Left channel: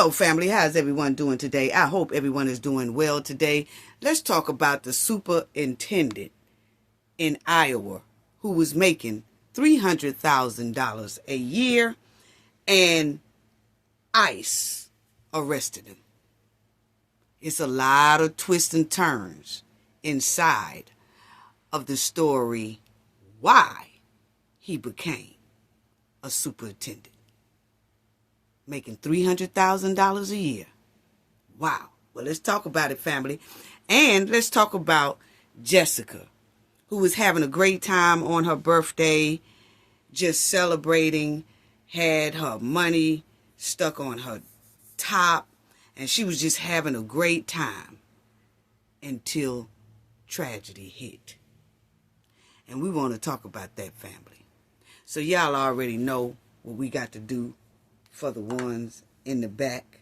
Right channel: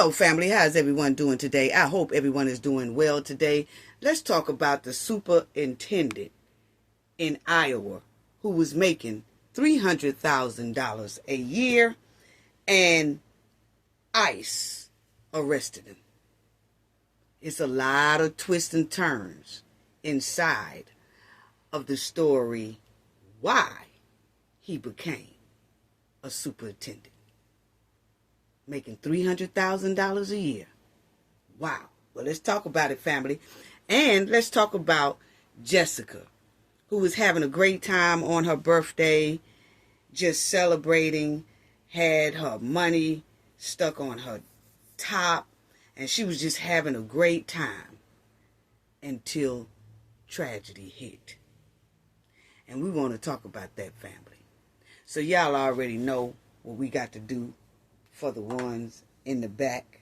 Hello, family. How's everyone doing today? I hope everyone is doing well today. Let's talk about the superintendent in Iowa who was making $300,000 a year, and ICE arrested him. It's a lot of twists and turns inside of the story why he became a superintendent. Making $300,000 a year. Wow. Well, let's talk about it, family. And let's talk about Jessica, who was having a great time on her birthday, just celebrating, had her money stuck on her top, and she was just having a great time until tragedy hit. And we want to talk about that, family. So y'all already know what we got to do for the ones in the back.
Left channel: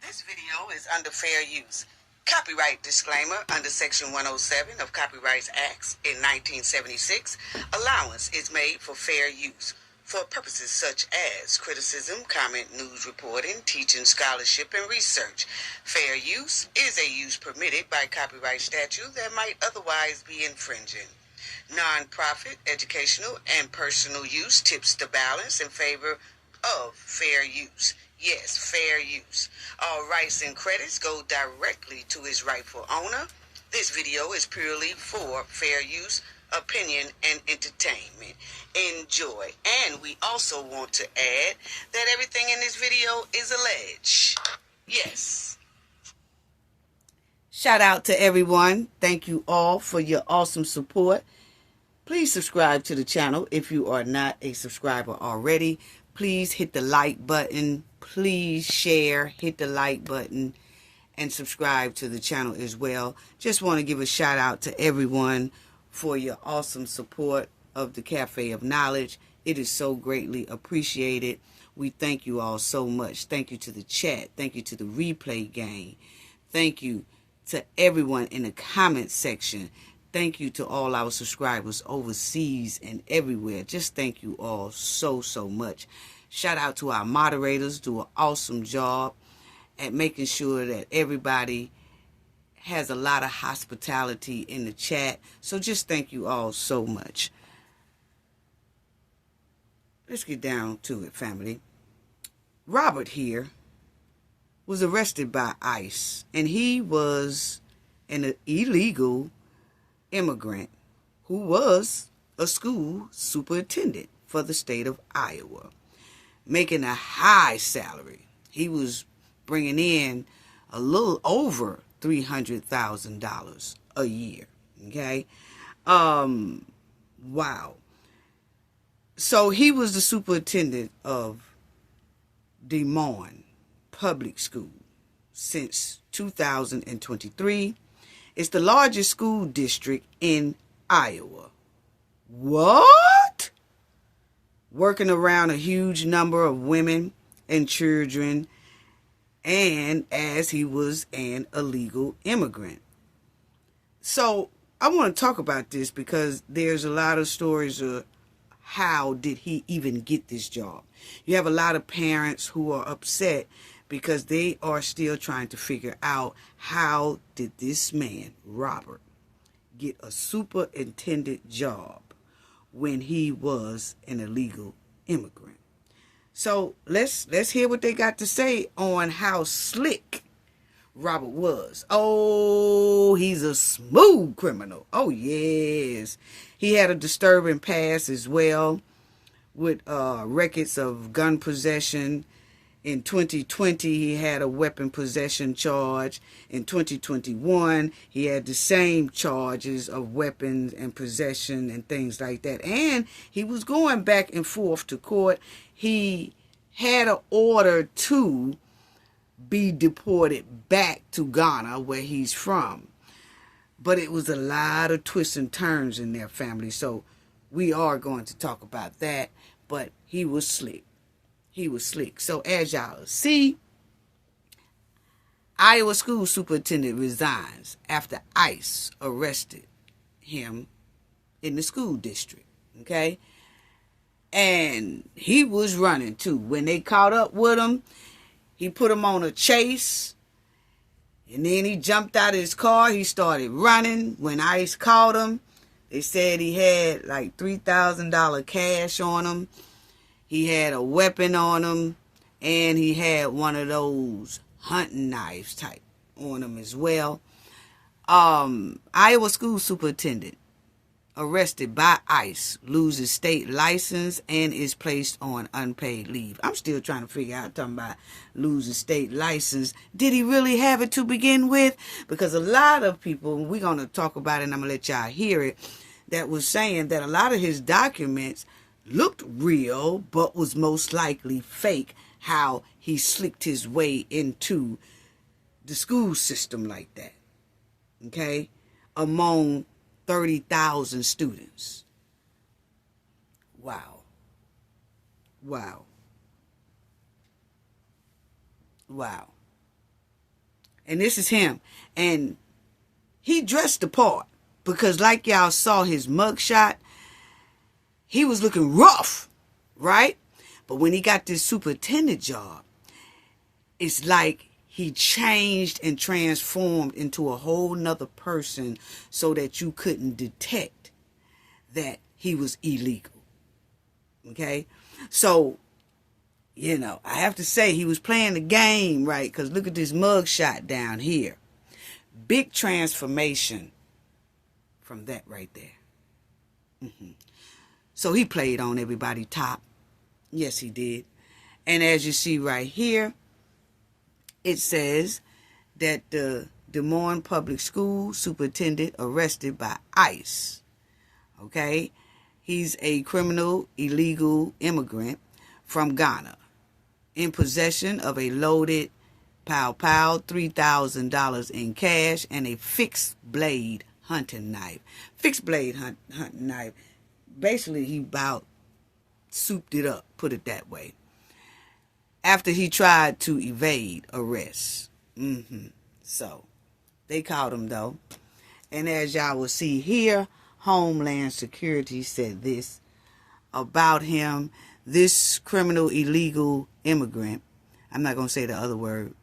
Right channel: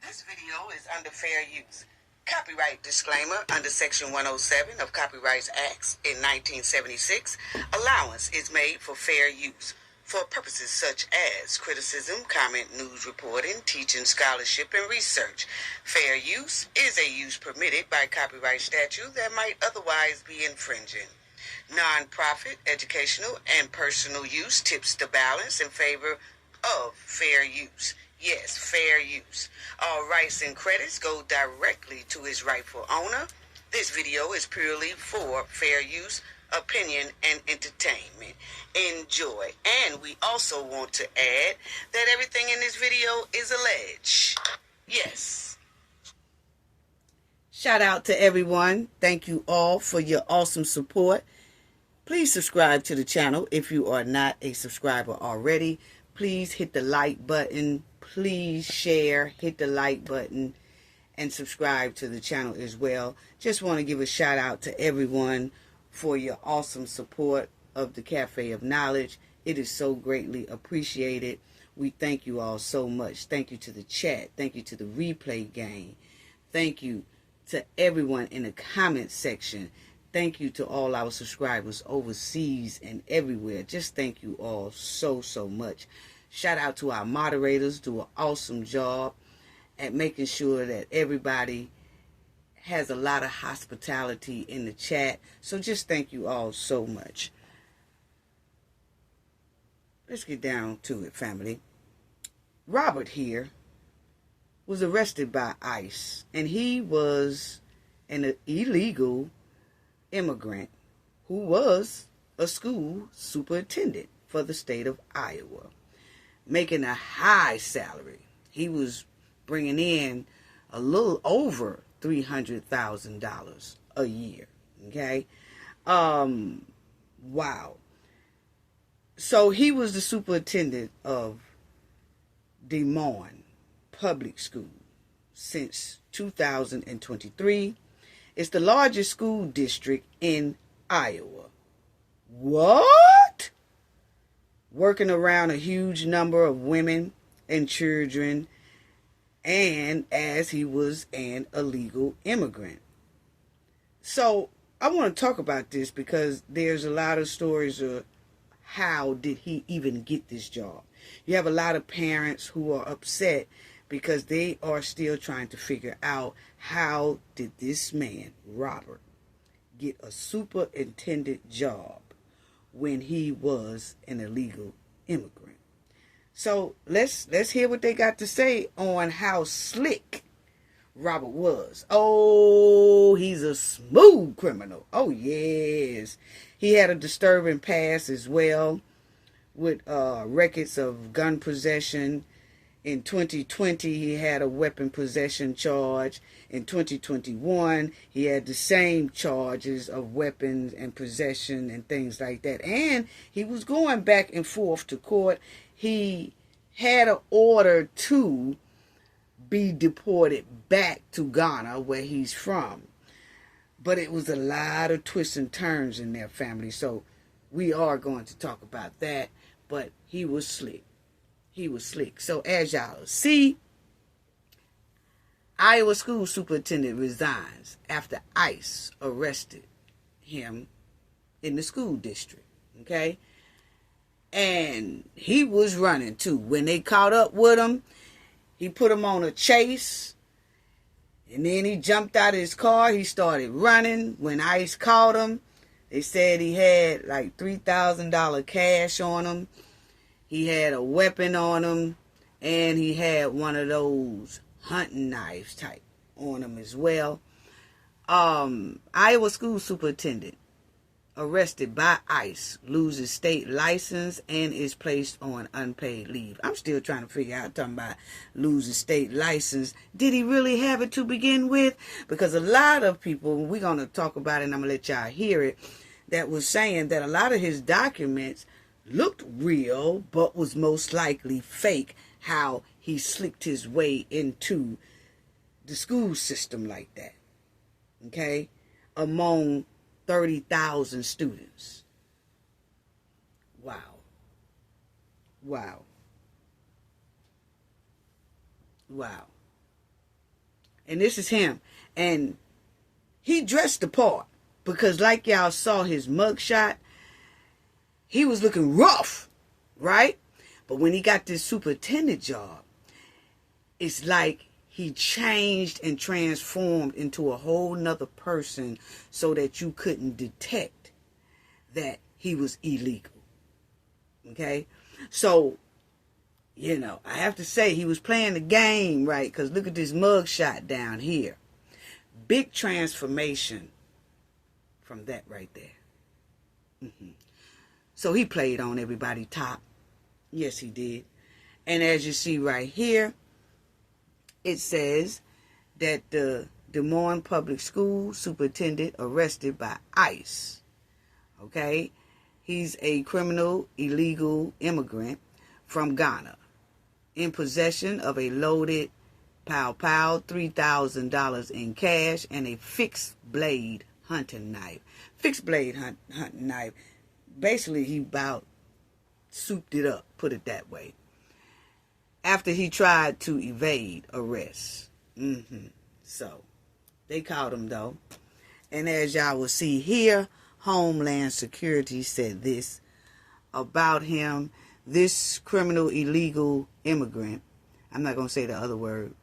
This video is under fair use. Copyright disclaimer under Section 107 of Copyright Acts in 1976. Allowance is made for fair use for purposes such as criticism, comment, news reporting, teaching, scholarship, and research. Fair use is a use permitted by copyright statute that might otherwise be infringing. Non-profit, educational, and personal use tips the balance in favor of fair use. Yes, fair use. All rights and credits go directly to its rightful owner. This video is purely for fair use, opinion, and entertainment. Enjoy. And we also want to add that everything in this video is alleged. Yes. Shout out to everyone. Thank you all for your awesome support. Please subscribe to the channel if you are not a subscriber already. Please hit the like button. Please share, hit the like button, and subscribe to the channel as well. Just want to give a shout out to everyone for your awesome support of the Cafe of Knowledge. It is so greatly appreciated. We thank you all so much. Thank you to the chat. Thank you to the replay gang. Thank you to everyone in the comment section. Thank you to all our subscribers overseas and everywhere. Just thank you all so much. Shout out to our moderators, do an awesome job at making sure that everybody has a lot of hospitality in the chat. So just thank you all so much. Let's get down to it, family. Robert here was arrested by ICE, and he was an illegal immigrant who was a school superintendent for the state of Iowa, making a high salary. He was bringing in a little over $300,000 a year. Okay. Wow. So he was the superintendent of Des Moines Public School since 2023. It's the largest school district in Iowa. What? Working around a huge number of women and children, and as he was an illegal immigrant. So I want to talk about this because there's a lot of stories of how did he even get this job. You have a lot of parents who are upset because they are still trying to figure out how did this man, Robert, get a superintendent job when he was an illegal immigrant. So let's hear what they got to say on how slick Robert was. Oh, he's a smooth criminal. Oh, yes. He had a disturbing past as well with records of gun possession. In 2020, he had a weapon possession charge. In 2021, he had the same charges of weapons and possession and things like that. And he was going back and forth to court. He had an order to be deported back to Ghana, where he's from. But it was a lot of twists and turns in their family. So we are going to talk about that. But he was slick. He was slick. So as y'all see, Iowa school superintendent resigns after ICE arrested him in the school district. Okay? And he was running too. When they caught up with him, He put him on a chase. And then he jumped out of his car. He started running. When ICE caught him, they said he had like $3,000 cash on him. He had a weapon on him. And he had one of those hunting knives type on him as well. Iowa school superintendent arrested by ICE, loses state license, and is placed on unpaid leave. I'm still trying to figure out, talking about losing state license. Did he really have it to begin with? Because a lot of people, we're going to talk about it, and I'm going to let y'all hear it, that was saying that a lot of his documents looked real, but was most likely fake, how he slipped his way into the school system like that. Okay? Among 30,000 students. Wow. Wow. Wow. And this is him. And he dressed the part. Because like y'all saw his mugshot, he was looking rough. Right? But when he got this superintendent job, it's like he changed and transformed into a whole nother person so that you couldn't detect that he was illegal. Okay? So, you know, I have to say he was playing the game right, because look at this mugshot down here. Big transformation from that right there. So he played on everybody top. Yes, he did. And as you see right here, it says that the Des Moines Public School superintendent arrested by ICE. Okay? He's a criminal illegal immigrant from Ghana in possession of a loaded pow, $3,000 in cash, and a fixed blade hunting knife. Fixed blade hunting knife. Basically, he about souped it up, put it that way, after he tried to evade arrest. So, they caught him though. And as y'all will see here, Homeland Security said this about him. This criminal illegal immigrant, I'm not going to say the other word,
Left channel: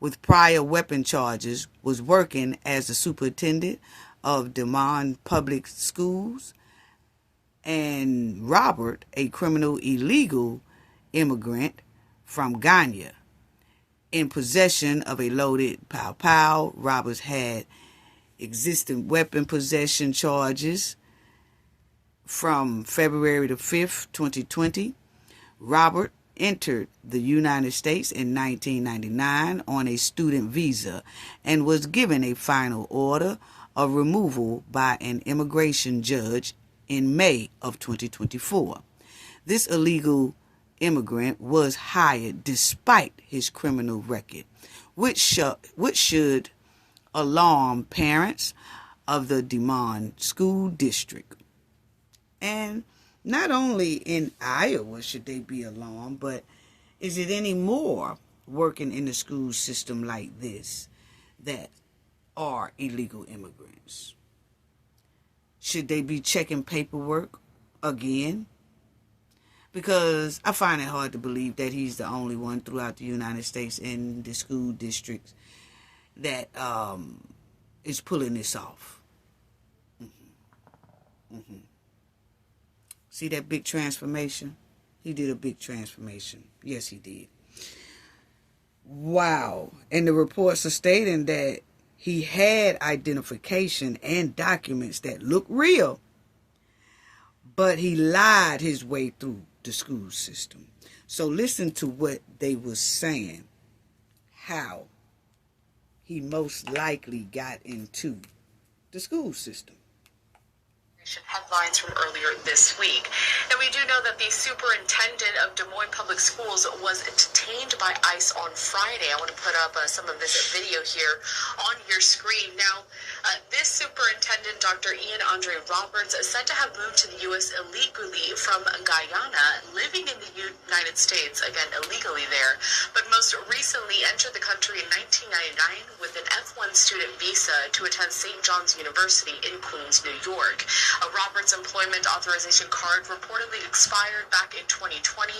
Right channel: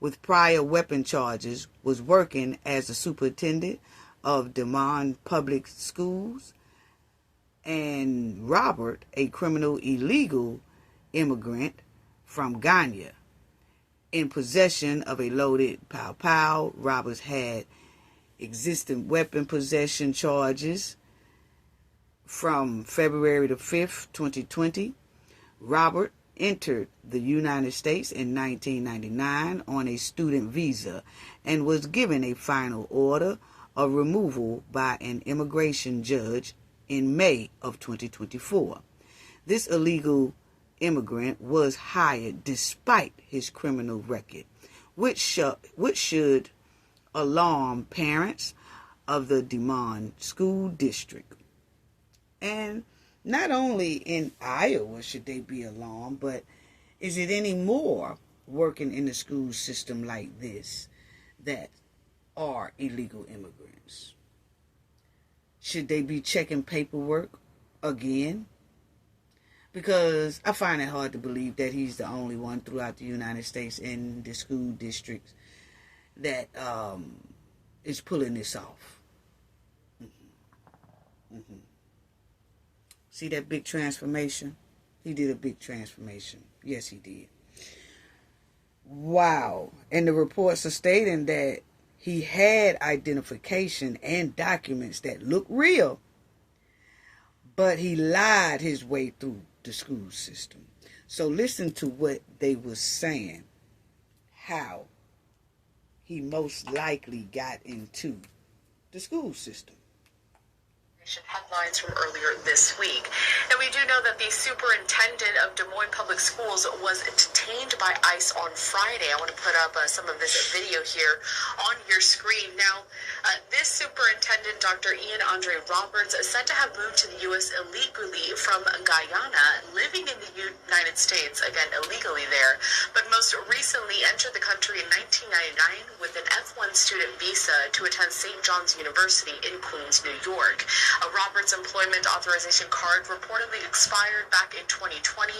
with prior weapon charges, was working as the superintendent of Des Moines Public Schools. And Robert, a criminal illegal immigrant from Ghana, in possession of a loaded pow. Roberts had existing weapon possession charges from February the 5th, 2020. Robert entered the United States in 1999 on a student visa and was given a final order of removal by an immigration judge in May of 2024. This illegal immigrant was hired despite his criminal record, which should alarm parents of the Des Moines School District. And not only in Iowa should they be alarmed, but is it any more working in the school system like this that are illegal immigrants? Should they be checking paperwork again? Because I find it hard to believe that he's the only one throughout the United States in the school districts that is pulling this off. See that big transformation? He did a big transformation. Yes, he did. Wow. And the reports are stating that he had identification and documents that look real, but he lied his way through the school system. So listen to what they were saying, how he most likely got into the school system. Headlines from earlier this week. And we do know that the superintendent of Des Moines Public Schools was detained by ICE on Friday. I want to put up some of this video here on your screen. Now, this superintendent, Dr. Ian Roberts, is said to have moved to the U.S. illegally from Guyana, living in the United States, again, illegally there, but most recently entered the country in 1999 with an F1 student visa to attend St. John's University in Queens, New York. Roberts' employment authorization card reportedly expired back in 2020,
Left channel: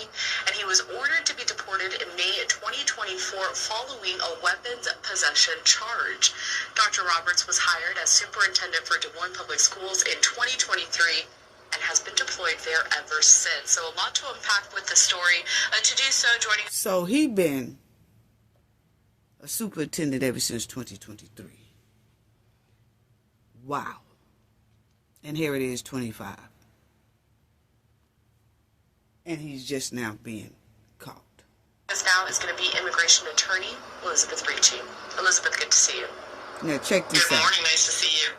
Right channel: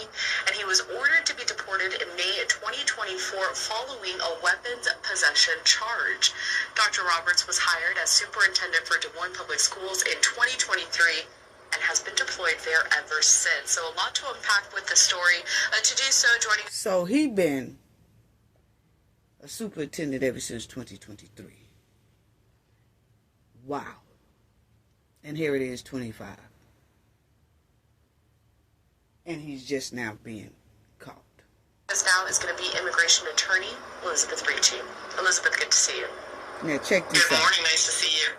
and he was ordered to be deported in May 2024 following a weapons possession charge. Dr. Roberts was hired as superintendent for Des Moines Public Schools in 2023 and has been deployed there ever since. So a lot to unpack with the story. To do so, joining... So he been a superintendent ever since 2023. Wow. And here it is, 25. And he's just now being caught. This now is going to be immigration attorney Elizabeth Ricci. Elizabeth, good to see you. Now check this out. Good morning, nice to see you.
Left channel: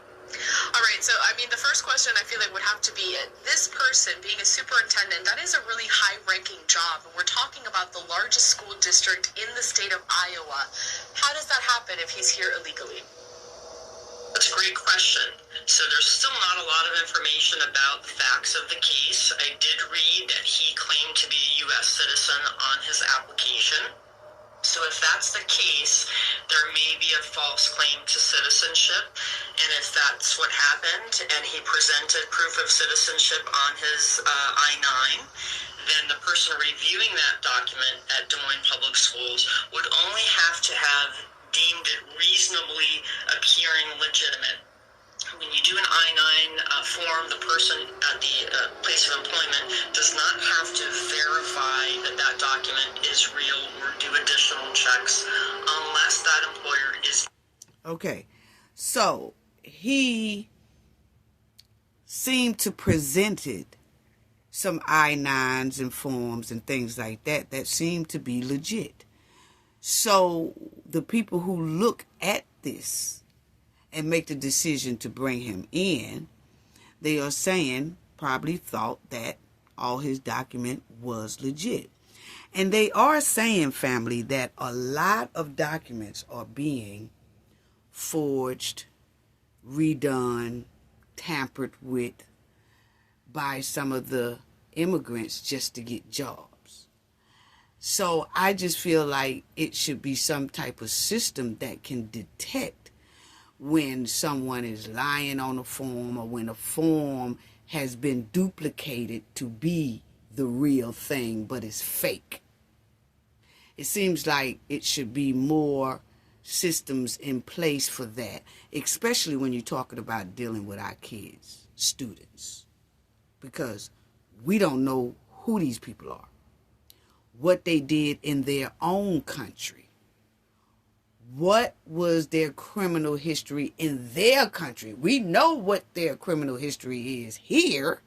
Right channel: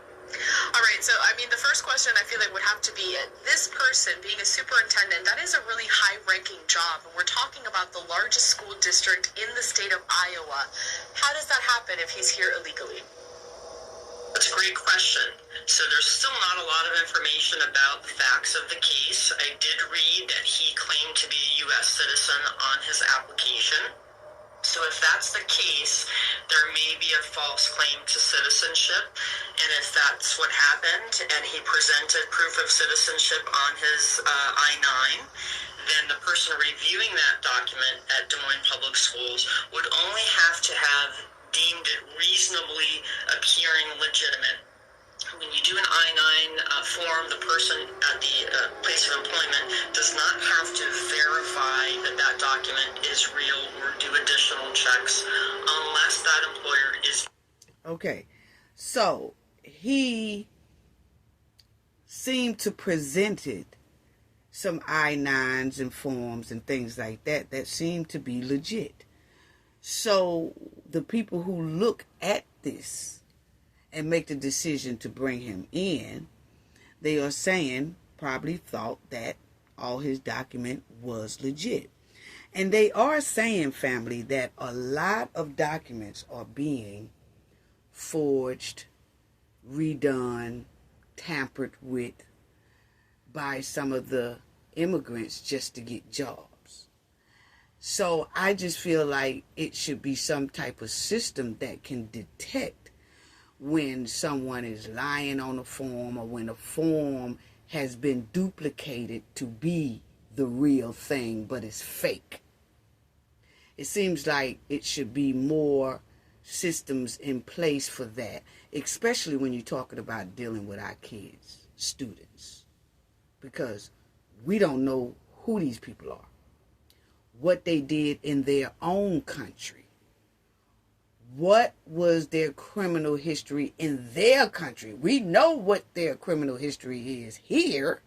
All right, so I mean, the first question I feel like would have to be, this person being a superintendent, that is a really high-ranking job, and we're talking about the largest school district in the state of Iowa. How does that happen if he's here illegally? That's a great question. So there's still not a lot of information about the facts of the case. I did read that he claimed to be a U.S. citizen on his application. So if that's the case, there may be a false claim to citizenship. And if that's what happened and he presented proof of citizenship on his I-9, then the person reviewing that document at Des Moines Public Schools would only have to have deemed it reasonably appearing legitimate. When you do an I-9 form, the person at the place of employment does not have to verify that that document is real or do additional checks unless that employer is... Okay, so he seemed to presented some I-9s and forms and things like that that seemed to be legit. So the people who look at this and make the decision to bring him in, they are saying, probably thought that all his document was legit. And they are saying, family, that a lot of documents are being forged, redone, tampered with by some of the immigrants just to get jobs. So I just feel like it should be some type of system that can detect when someone is lying on a form or when a form has been duplicated to be the real thing but it's fake. It seems like it should be more systems in place for that, especially when you're talking about dealing with our kids, students, because we don't know who these people are, what they did in their own country. What was their criminal history in their country? We know what their criminal history is here.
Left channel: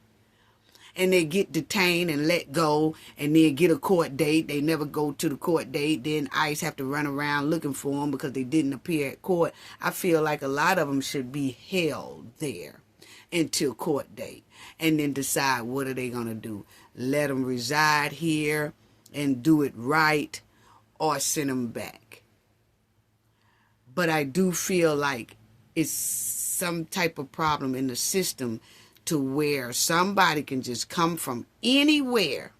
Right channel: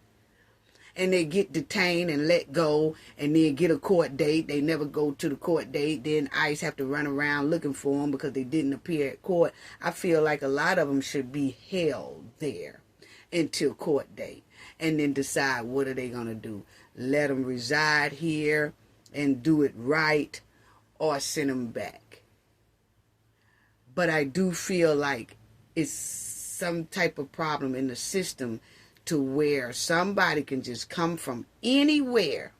And they get detained and let go and then get a court date. They never go to the court date. Then ICE have to run around looking for them because they didn't appear at court. I feel like a lot of them should be held there until court date. And then decide what are they going to do. Let them reside here and do it right or send them back. But I do feel like it's some type of problem in the system to where somebody can just come from anywhere,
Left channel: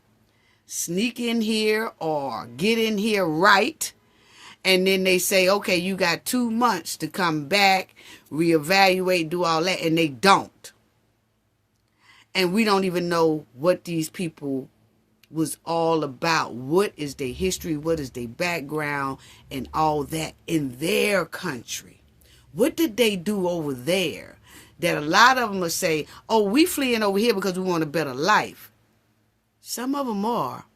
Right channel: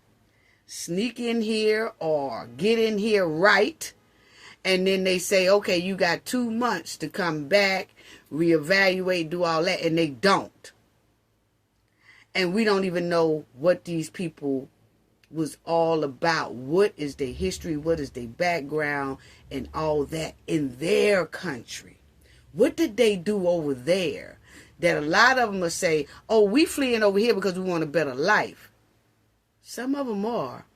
sneak in here or get in here right, and then they say, okay, you got 2 months to come back, reevaluate, do all that, and they don't. And we don't even know what these people was all about. What is their history? What is their background? And all that in their country. What did they do over there? That a lot of them will say, oh, we fleeing over here because we want a better life. Some of them are.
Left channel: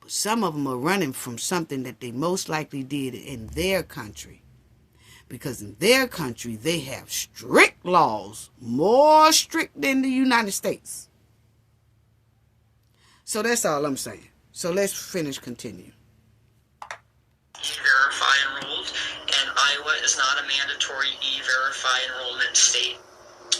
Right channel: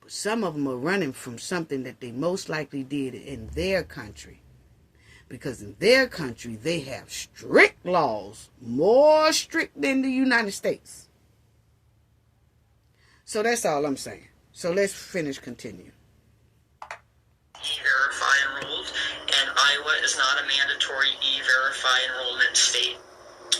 But some of them are running from something that they most likely did in their country. Because in their country, they have strict laws. More strict than the United States. So that's all I'm saying. So let's continue. E-Verify enrolled, and Iowa is not a mandatory E-Verify enrollment state.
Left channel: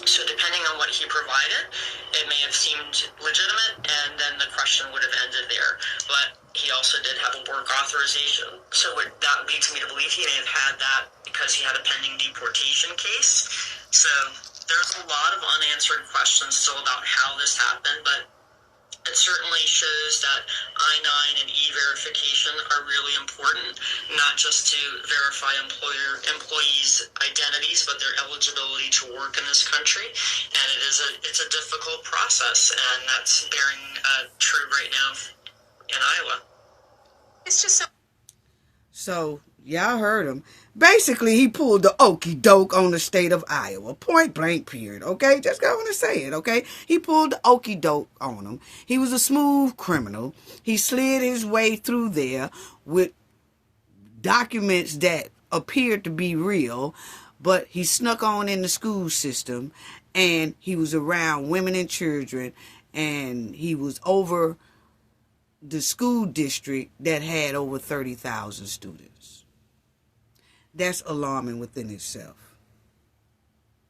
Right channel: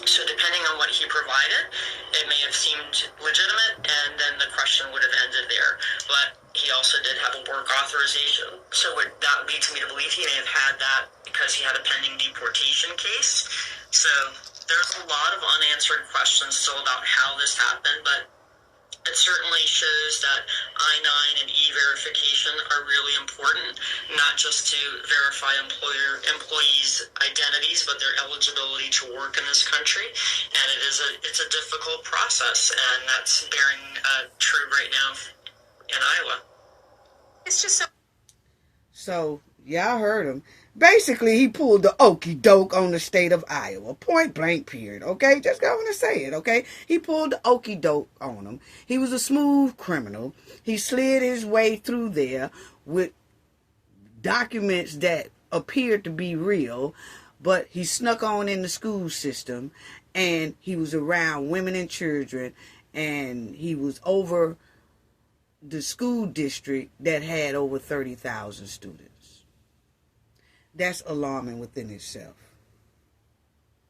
So depending on what he provided, it may have seemed legitimate, and then the question would have ended there. But he also did have a work authorization. So that leads me to believe he may have had that because he had a pending deportation case. So there's a lot of unanswered questions still about how this happened, but It certainly shows that I-9 and E-verification are really important, not just to verify employees' identities, but their eligibility to work in this country. And it's a difficult process, and that's bearing true right now in Iowa. It's just So, y'all heard him. Basically, he pulled the okie doke on the state of Iowa. Point blank, period. Okay? Just going to say it, okay? He pulled the okie doke on him. He was a smooth criminal. He slid his way through there with documents that appeared to be real, but he snuck on in the school system, and he was around women and children, and he was over the school district that had over 30,000 students. That's alarming within itself.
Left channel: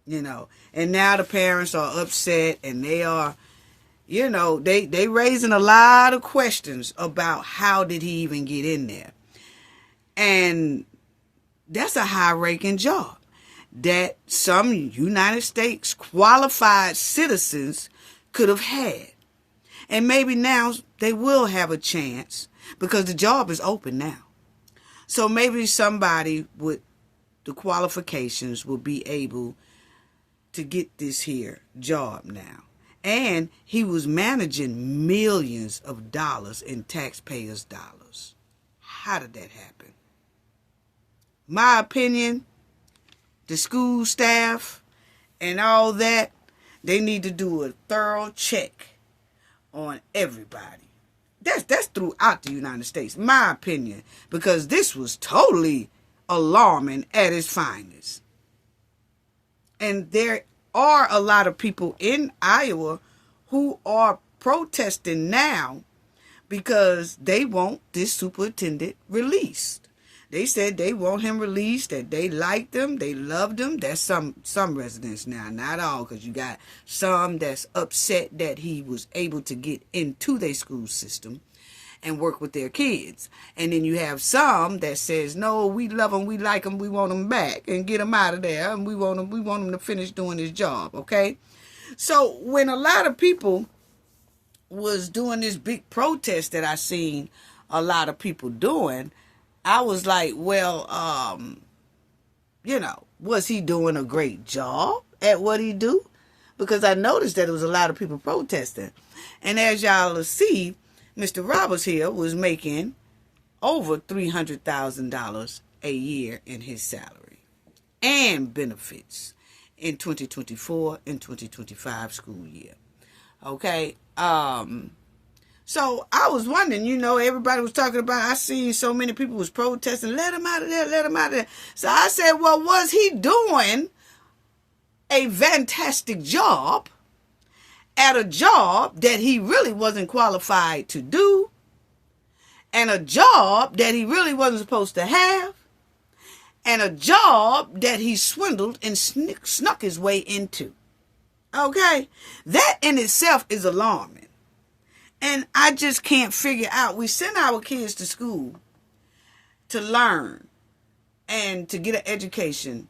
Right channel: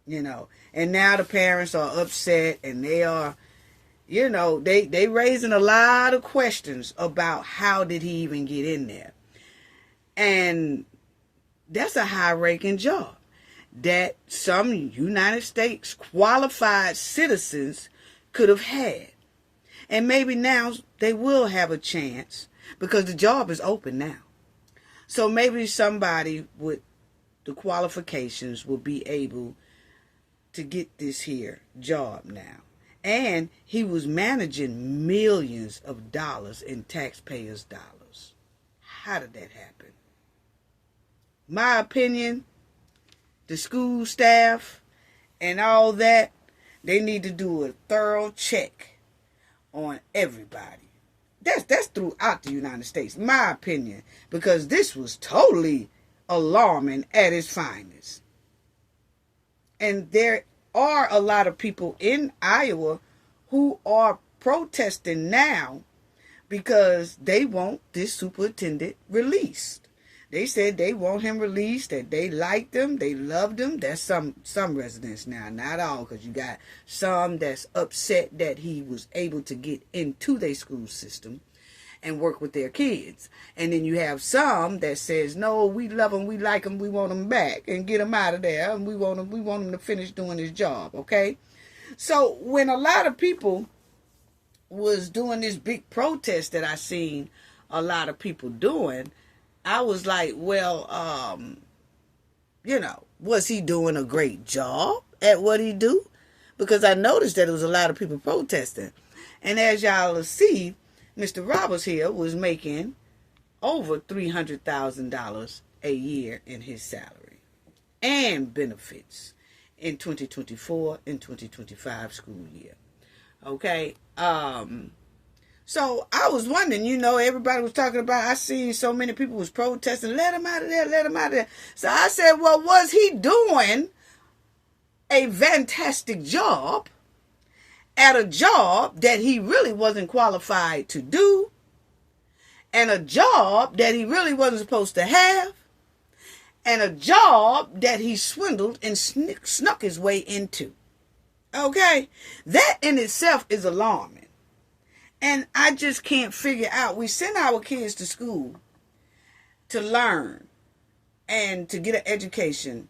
You know, and now the parents are upset, and they are, you know, they raising a lot of questions about how did he even get in there. And that's a high-ranking job that some United States qualified citizens could have had. And maybe now they will have a chance because the job is open now. So maybe somebody with the qualifications will be able to get this here job now. And he was managing millions of dollars in taxpayers' dollars. How did that happen? My opinion, the school staff and all that, they need to do a thorough check on everybody. That's throughout the United States, my opinion, because this was totally alarming at its finest. And there are a lot of people in Iowa who are protesting now because they want this superintendent released. They said they want him released, that they liked him, they loved him. That's some residents now, not all, because you got some that's upset that he was able to get into their school system and work with their kids. And then you have some that says, no, we love him, we like him, we want him back and get him out of there, and we want him to finish doing his job, okay? So when a lot of people was doing this big protest that I seen a lot of people doing, I was like, well, you know, was he doing a great job at what he do? Because I noticed that there was a lot of people protesting. And as y'all will see, Mr. Roberts here was making over $300,000 a year in his salary and benefits in 2024 and 2025 school year. Okay? So I was wondering, you know, everybody was talking about, I seen so many people was protesting, let him out of there, let him out of there. So I said, well, was he doing a fantastic job at a job that he really wasn't qualified to do, and a job that he really wasn't supposed to have, and a job that he swindled and snuck his way into? Okay? That in itself is alarming. And I just can't figure out. We send our kids to school to learn and to get an education,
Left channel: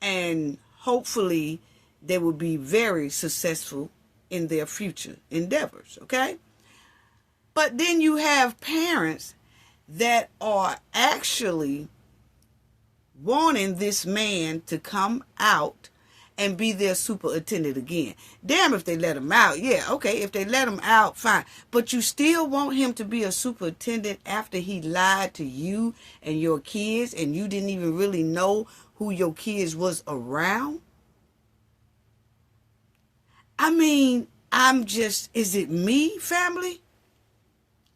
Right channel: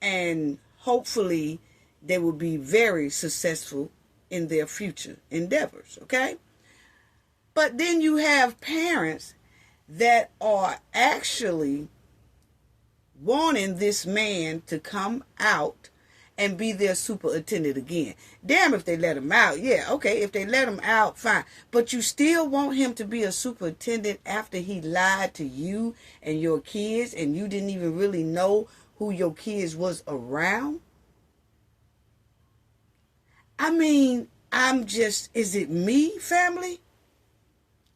and hopefully they will be very successful in their future endeavors, okay? But then you have parents that are actually wanting this man to come out and be their superintendent again. Damn if they let him out. Yeah, okay, if they let him out, fine. But you still want him to be a superintendent after he lied to you and your kids, and you didn't even really know who your kids was around? I mean, is it me, family?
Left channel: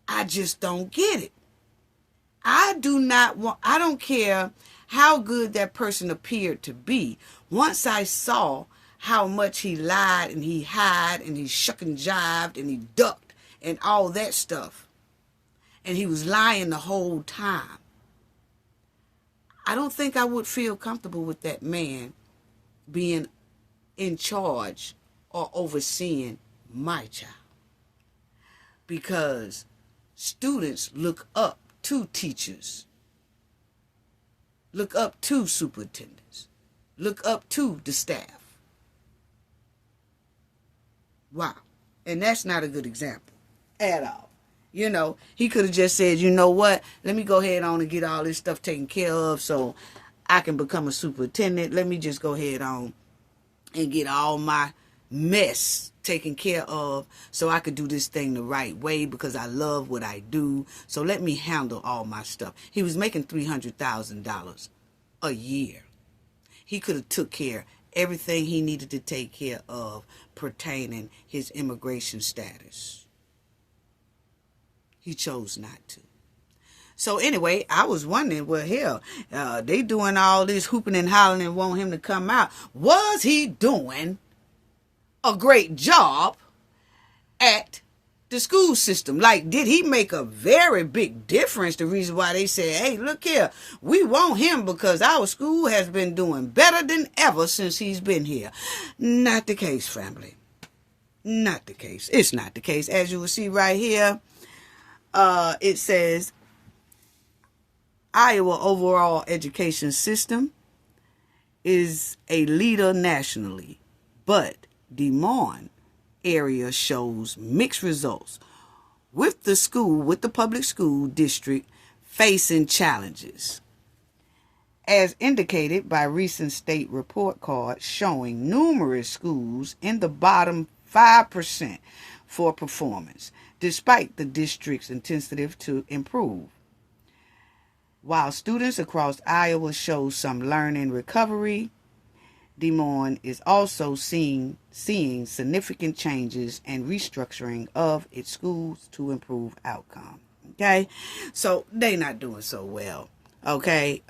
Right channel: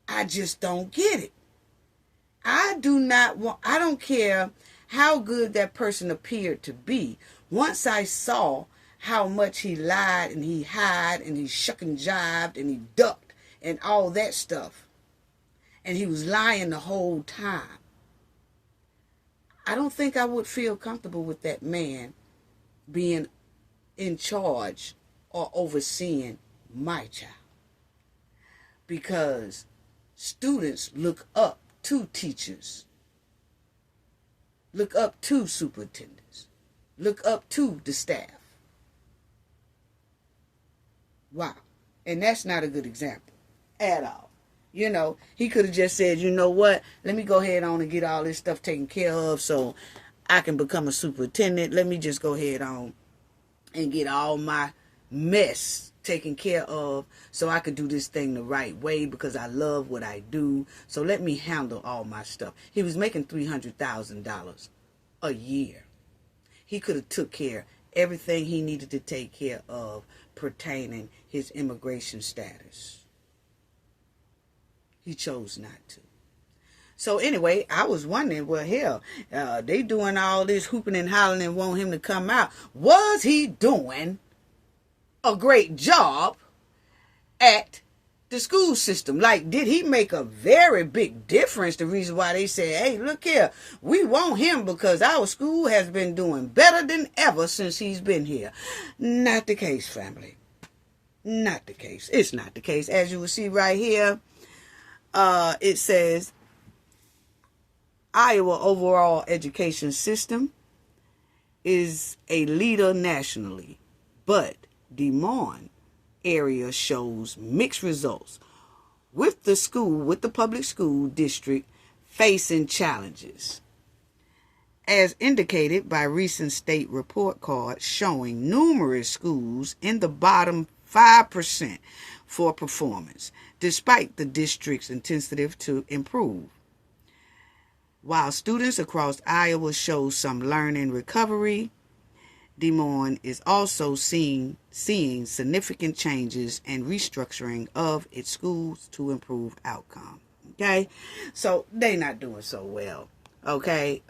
I just don't get it. I don't care how good that person appeared to be. Once I saw how much he lied and he hid and he shuck and jived and he ducked and all that stuff, and he was lying the whole time, I don't think I would feel comfortable with that man being in charge or overseeing my child. Because students look up to teachers, look up to superintendents, look up to the staff. Wow. And that's not a good example. at all. You know, he could have just said, you know what, let me go ahead on and get all this stuff taken care of so I can become a superintendent. Let me just go ahead on and get all my mess taken care of so I could do this thing the right way because I love what I do. So let me handle all my stuff. He was making $300,000 a year. He could have took care of everything he needed to take care of pertaining his immigration status. He chose not to. So anyway, I was wondering, well, hell, they doing all this hooping and hollering and want him to come out. Was he doing a great job at the school system? Like, did he make a very big difference? The reason why they said, hey, look here, we want him because our school has been doing better than ever since he's been here. Not the case, family. Not the case. It's not the case. As you will see right here, it says, Iowa overall education system is a leader nationally, but Des Moines area shows mixed results, with the public school district facing challenges, as indicated by recent state report cards showing numerous schools in the bottom 5% for performance, despite the district's initiative to improve. While students across Iowa show some learning recovery, Des Moines is also seeing significant changes and restructuring of its schools to improve outcome. Okay, so they not doing so well. Okay,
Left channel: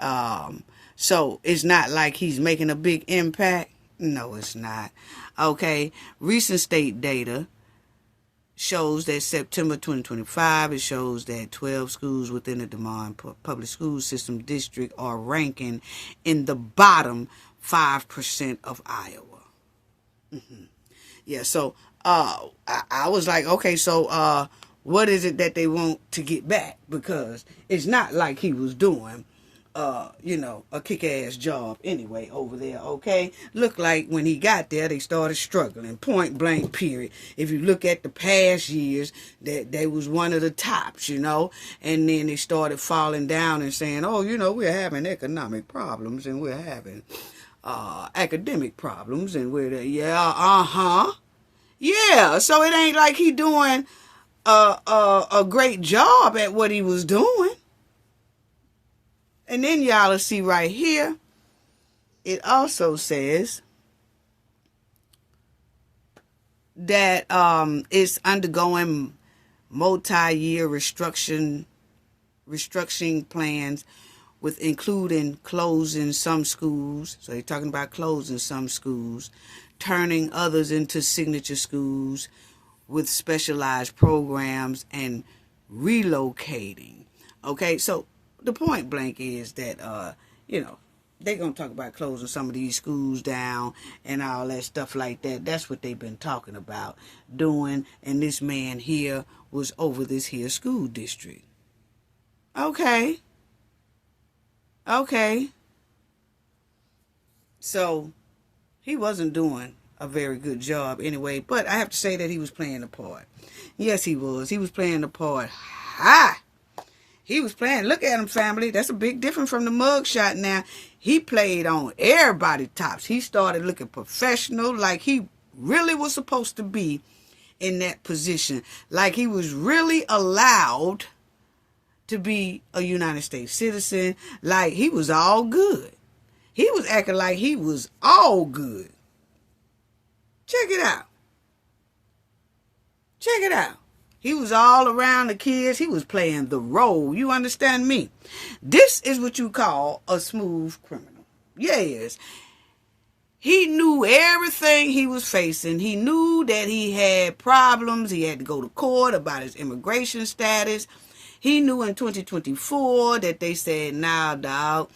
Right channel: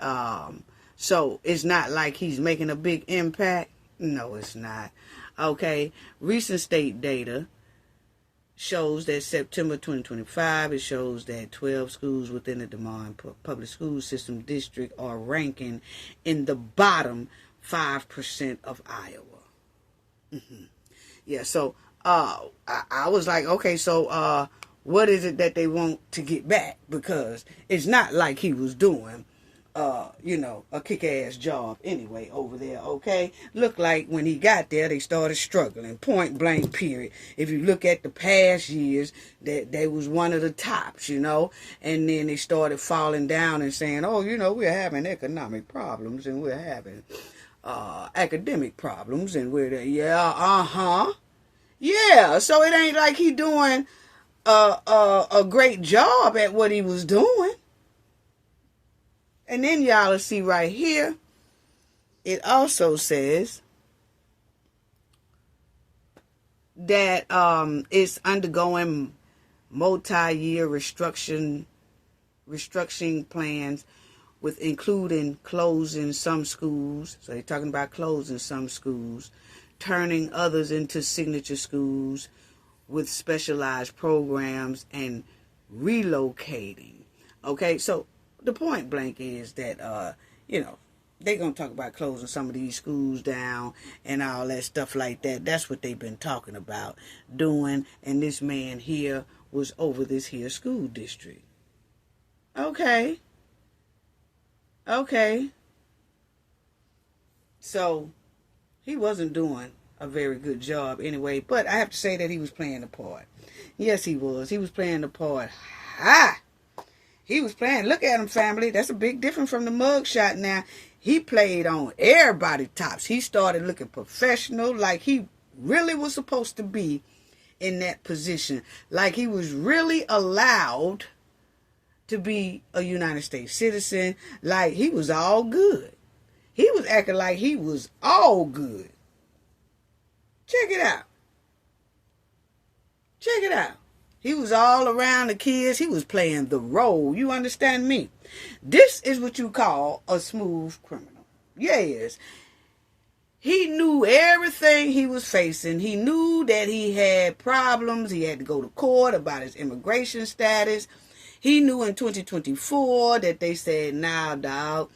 so it's not like he's making a big impact. No, it's not. Okay, recent state data shows that September 2025, it shows that 12 schools within the Des Moines public school system district are ranking in the bottom 5% of Iowa. Yeah, so I was like, okay, so what is it that they want to get back? Because it's not like he was doing a kick-ass job anyway over there, okay? Looked like when he got there, they started struggling, point blank, period. If you look at the past years, that they was one of the tops, and then they started falling down and saying, oh, we're having economic problems and we're having academic problems and we're there. Yeah, so it ain't like he doing a great job at what he was doing. And then y'all will see right here, it also says that it's undergoing multi-year restructuring plans, with including closing some schools. So they're talking about closing some schools, turning others into signature schools with specialized programs, and relocating. Okay, so the point blank is that, they're going to talk about closing some of these schools down and all that stuff like that. That's what they've been talking about doing. And this man here was over this here school district. Okay. So he wasn't doing a very good job anyway. But I have to say that he was playing the part. Yes, he was. He was playing the part. He was playing. Look at him, family. That's a big difference from the mugshot now. He played on everybody's tops. He started looking professional, like he really was supposed to be in that position. Like he was really allowed to be a United States citizen. Like he was all good. He was acting like he was all good. Check it out. He was all around the kids. He was playing the role. You understand me? This is what you call a smooth criminal. Yes. He knew everything he was facing. He knew that he had problems. He had to go to court about his immigration status. He knew in 2024 that they said, nah, dog,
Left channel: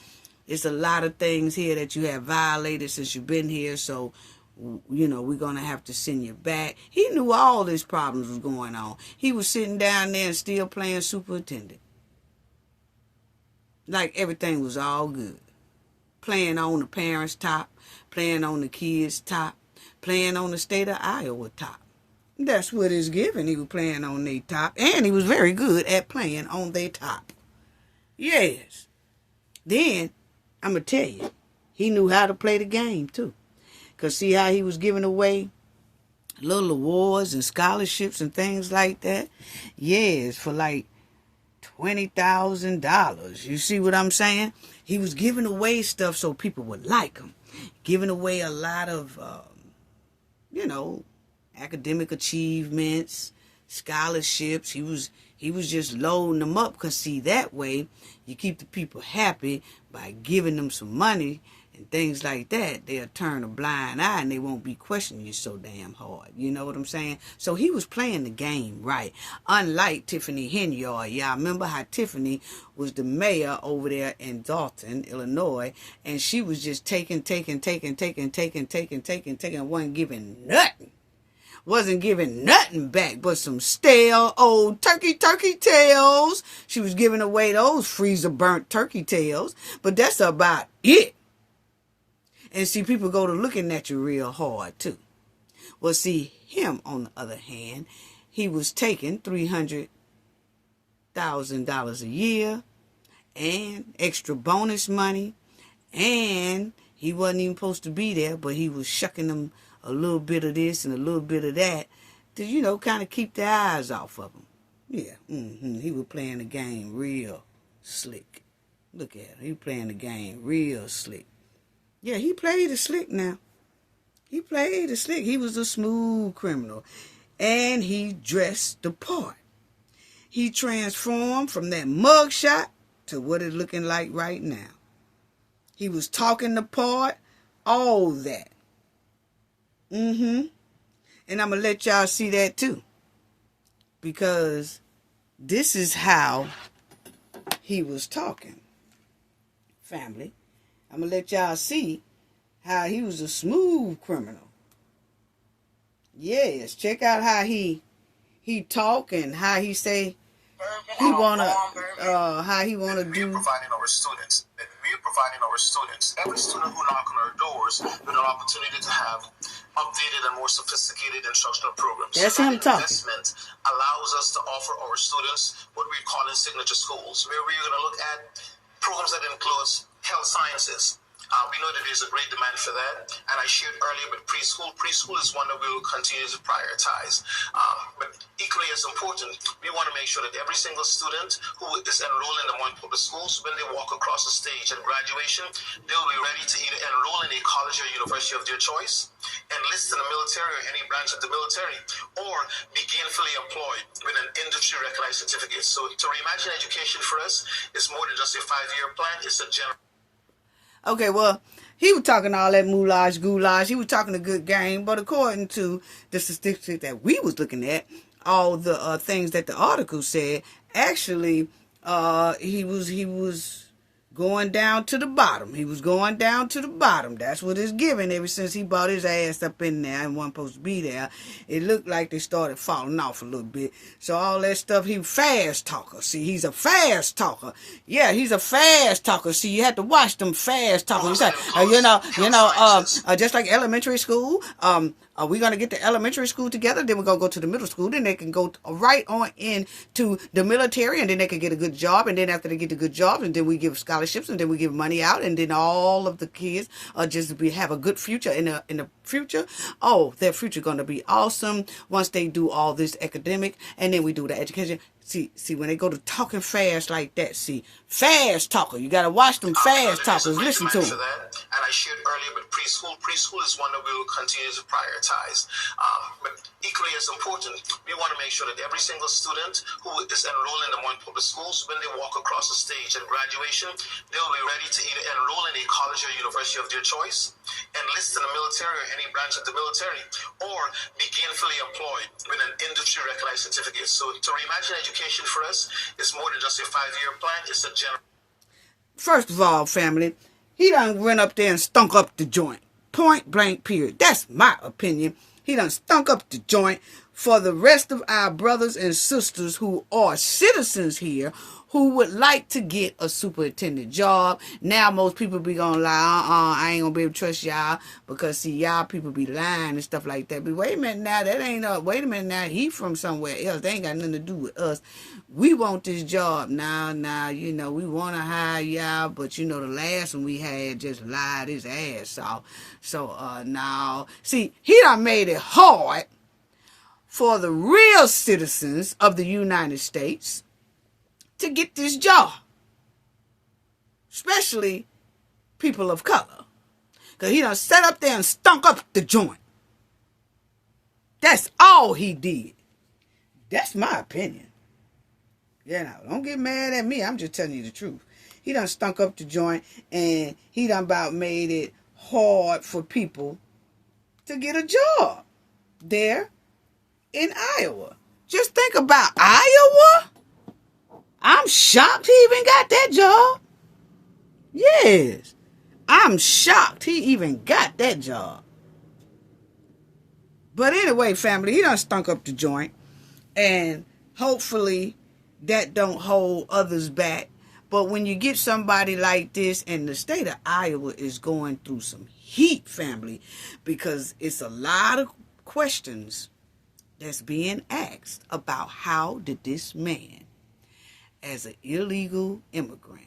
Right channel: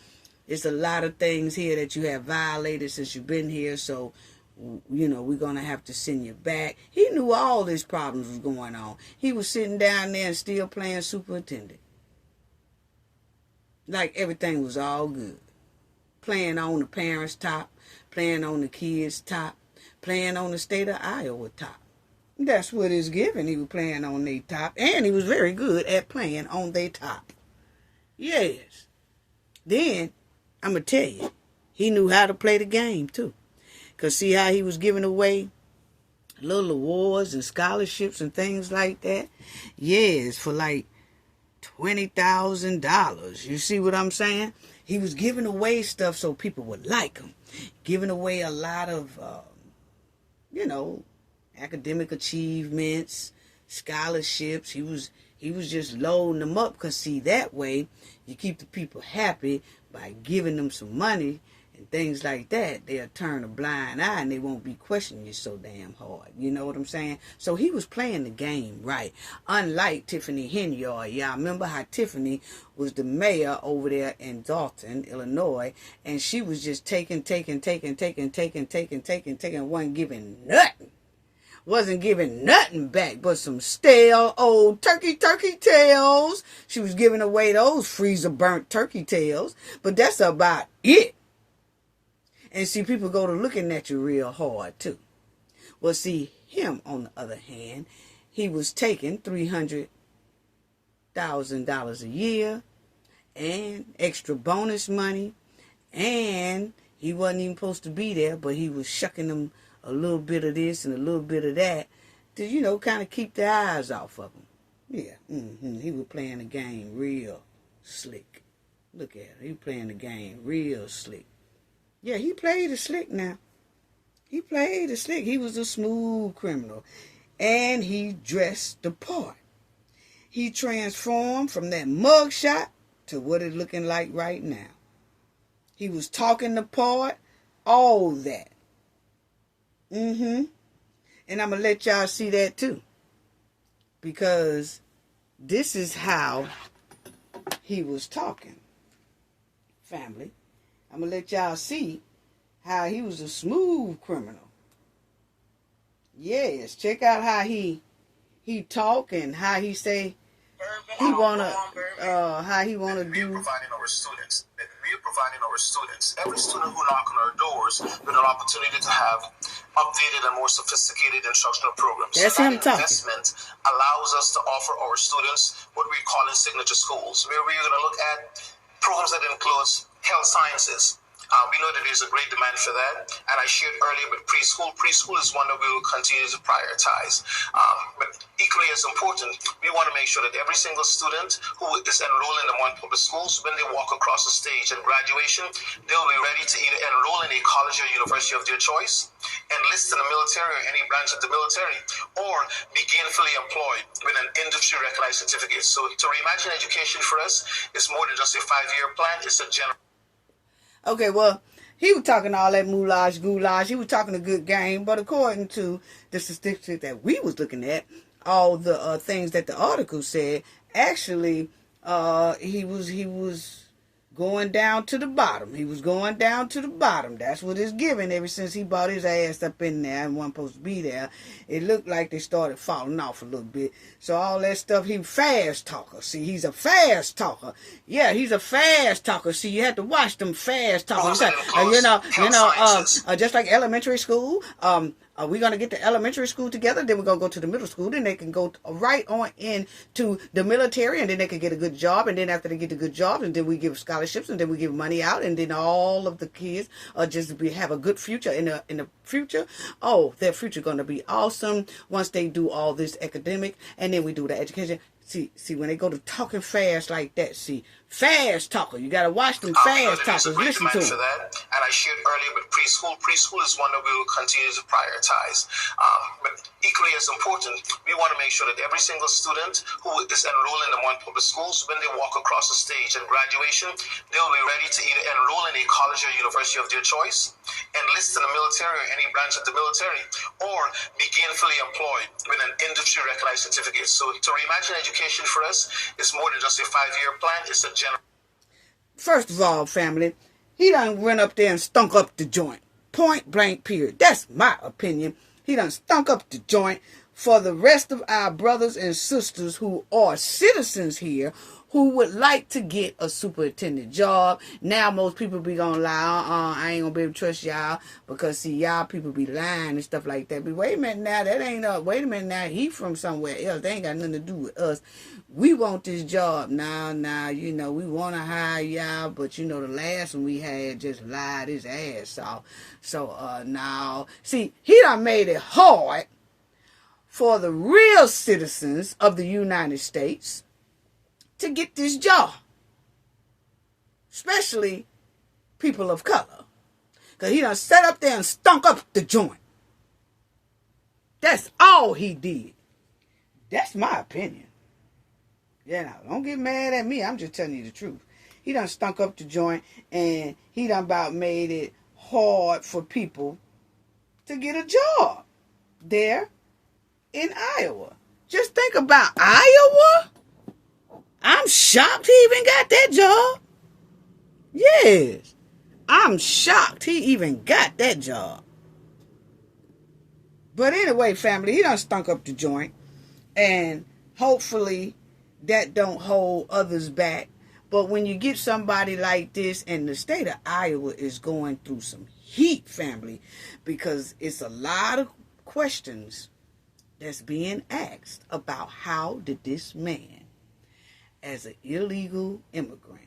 it's a lot of things here that you have violated since you've been here. So, we're going to have to send you back. He knew all these problems was going on. He was sitting down there and still playing superintendent. Like everything was all good. Playing on the parents' top, playing on the kids' top, playing on the state of Iowa top. That's what it's given. He was playing on their top, and he was very good at playing on their top. Yes. Then, I'm going to tell you, he knew how to play the game, too. Because see how he was giving away little awards and scholarships and things like that? Yes, for like $20,000. You see what I'm saying? He was giving away stuff so people would like him. Giving away a lot of, academic achievements, scholarships. He was just loading them up, because see, that way you keep the people happy by giving them some money and things like that. They'll turn a blind eye and they won't be questioning you so damn hard. You know what I'm saying? So he was playing the game right. Unlike Tiffany Henyard. Y'all remember how Tiffany was the mayor over there in Dalton, Illinois, and she was just taking, wasn't giving nothing. Wasn't giving nothing back but some stale old turkey tails. She was giving away those freezer burnt turkey tails, but that's about it. And see, people go to looking at you real hard too. Well, see, him on the other hand, he was taking $300,000 a year and extra bonus money, and he wasn't even supposed to be there, but he was shucking them a little bit of this and a little bit of that to, kind of keep their eyes off of him. Yeah, he was playing the game real slick. Look at him. He was playing the game real slick. Yeah, he played it slick now. He played it slick. He was a smooth criminal. And he dressed the part. He transformed from that mugshot to what it's looking like right now. He was talking the part, all that. And I'm going to let y'all see that too. Because this is how he was talking. Family. I'm going to let y'all see how he was a smooth criminal. Yes, check out how he talk and how he say he wanna how he wanna do. Providing our students. We are providing our students. Every student who knock on our doors with an opportunity to have updated and more sophisticated instructional programs. That's him talking. Investment allows us to offer our students what we call in signature schools, where we're going to look at programs that includes health sciences. We know that there's a great demand for that, and I shared earlier with preschool. Preschool is one that we will continue to prioritize. But equally as important, we want to make sure that every single student who is enrolled in the Montreal Public Schools, when they walk across the stage at graduation, they'll be ready to either enroll in a college or university of their choice, enlist in the military or any branch of the military, or be gainfully employed with an industry-recognized certificate. So to reimagine education for us is more than just a 5-year plan. It's a general. Okay, well, he was talking all that goulash. He was talking a good game, but according to the statistics that we was looking at, all the things that the article said, actually, he was going down to the bottom. He was going down to the bottom. That's what it's given ever since he brought his ass up in there and wasn't supposed to be there. It looked like they started falling off a little bit. So all that stuff, he fast talker. See, he's a fast talker. Yeah, he's a fast talker. See, you have to watch them fast talkers. Just like elementary school, are we going to get the elementary school together? Then we're going to go to the middle school. Then they can go right on into the military, and then they can get a good job. And then after they get the good job, and then we give scholarships, and then we give money out, and then all of the kids have a good future in the future. Oh, their future going to be awesome once they do all this academic, and then we do the education. See, when they go to talking fast like that, fast talker. You got to watch them fast talkers. Listen to them. And I shared earlier with preschool. Preschool is one that we will continue to prioritize. But equally as important, we want to make sure that every single student who is enrolled in the Montreal Public Schools, when they walk across the stage at graduation, they'll be ready to either enroll in a college or university of their choice, enlist in the military or any branch of the military, or be gainfully employed with an industry-recognized certificate. So to reimagine education for us is more than just a 5-year plan. It's a general. First of all, family, he done went up there and stunk up the joint. Point blank period. That's my opinion. He done stunk up the joint. For the rest of our brothers and sisters who are citizens here, who would like to get a superintendent job. Now most people be gonna lie, I ain't gonna be able to trust y'all because see y'all people be lying and stuff like that. But wait a minute now, that ain't wait a minute now, he from somewhere else. They ain't got nothing to do with us. We want this job. Nah, you know, we wanna hire y'all, but you know the last one we had just lied his ass off. So now see, he done made it hard for the real citizens of the United States to get this job, especially people of color, because he done sat up there and stunk up the joint. That's all he did. That's my opinion. Yeah, now, don't get mad at me. I'm just telling you the truth. He done stunk up the joint, and he done about made it hard for people to get a job there in Iowa. Just think about Iowa. I'm shocked he even got that job. Yes. I'm shocked he even got that job. But anyway, family, he done stunk up the joint. And hopefully that don't hold others back. But when you get somebody like this, and the state of Iowa is going through some heat, family, because it's a lot of questions that's being asked about how did this man, as an illegal immigrant,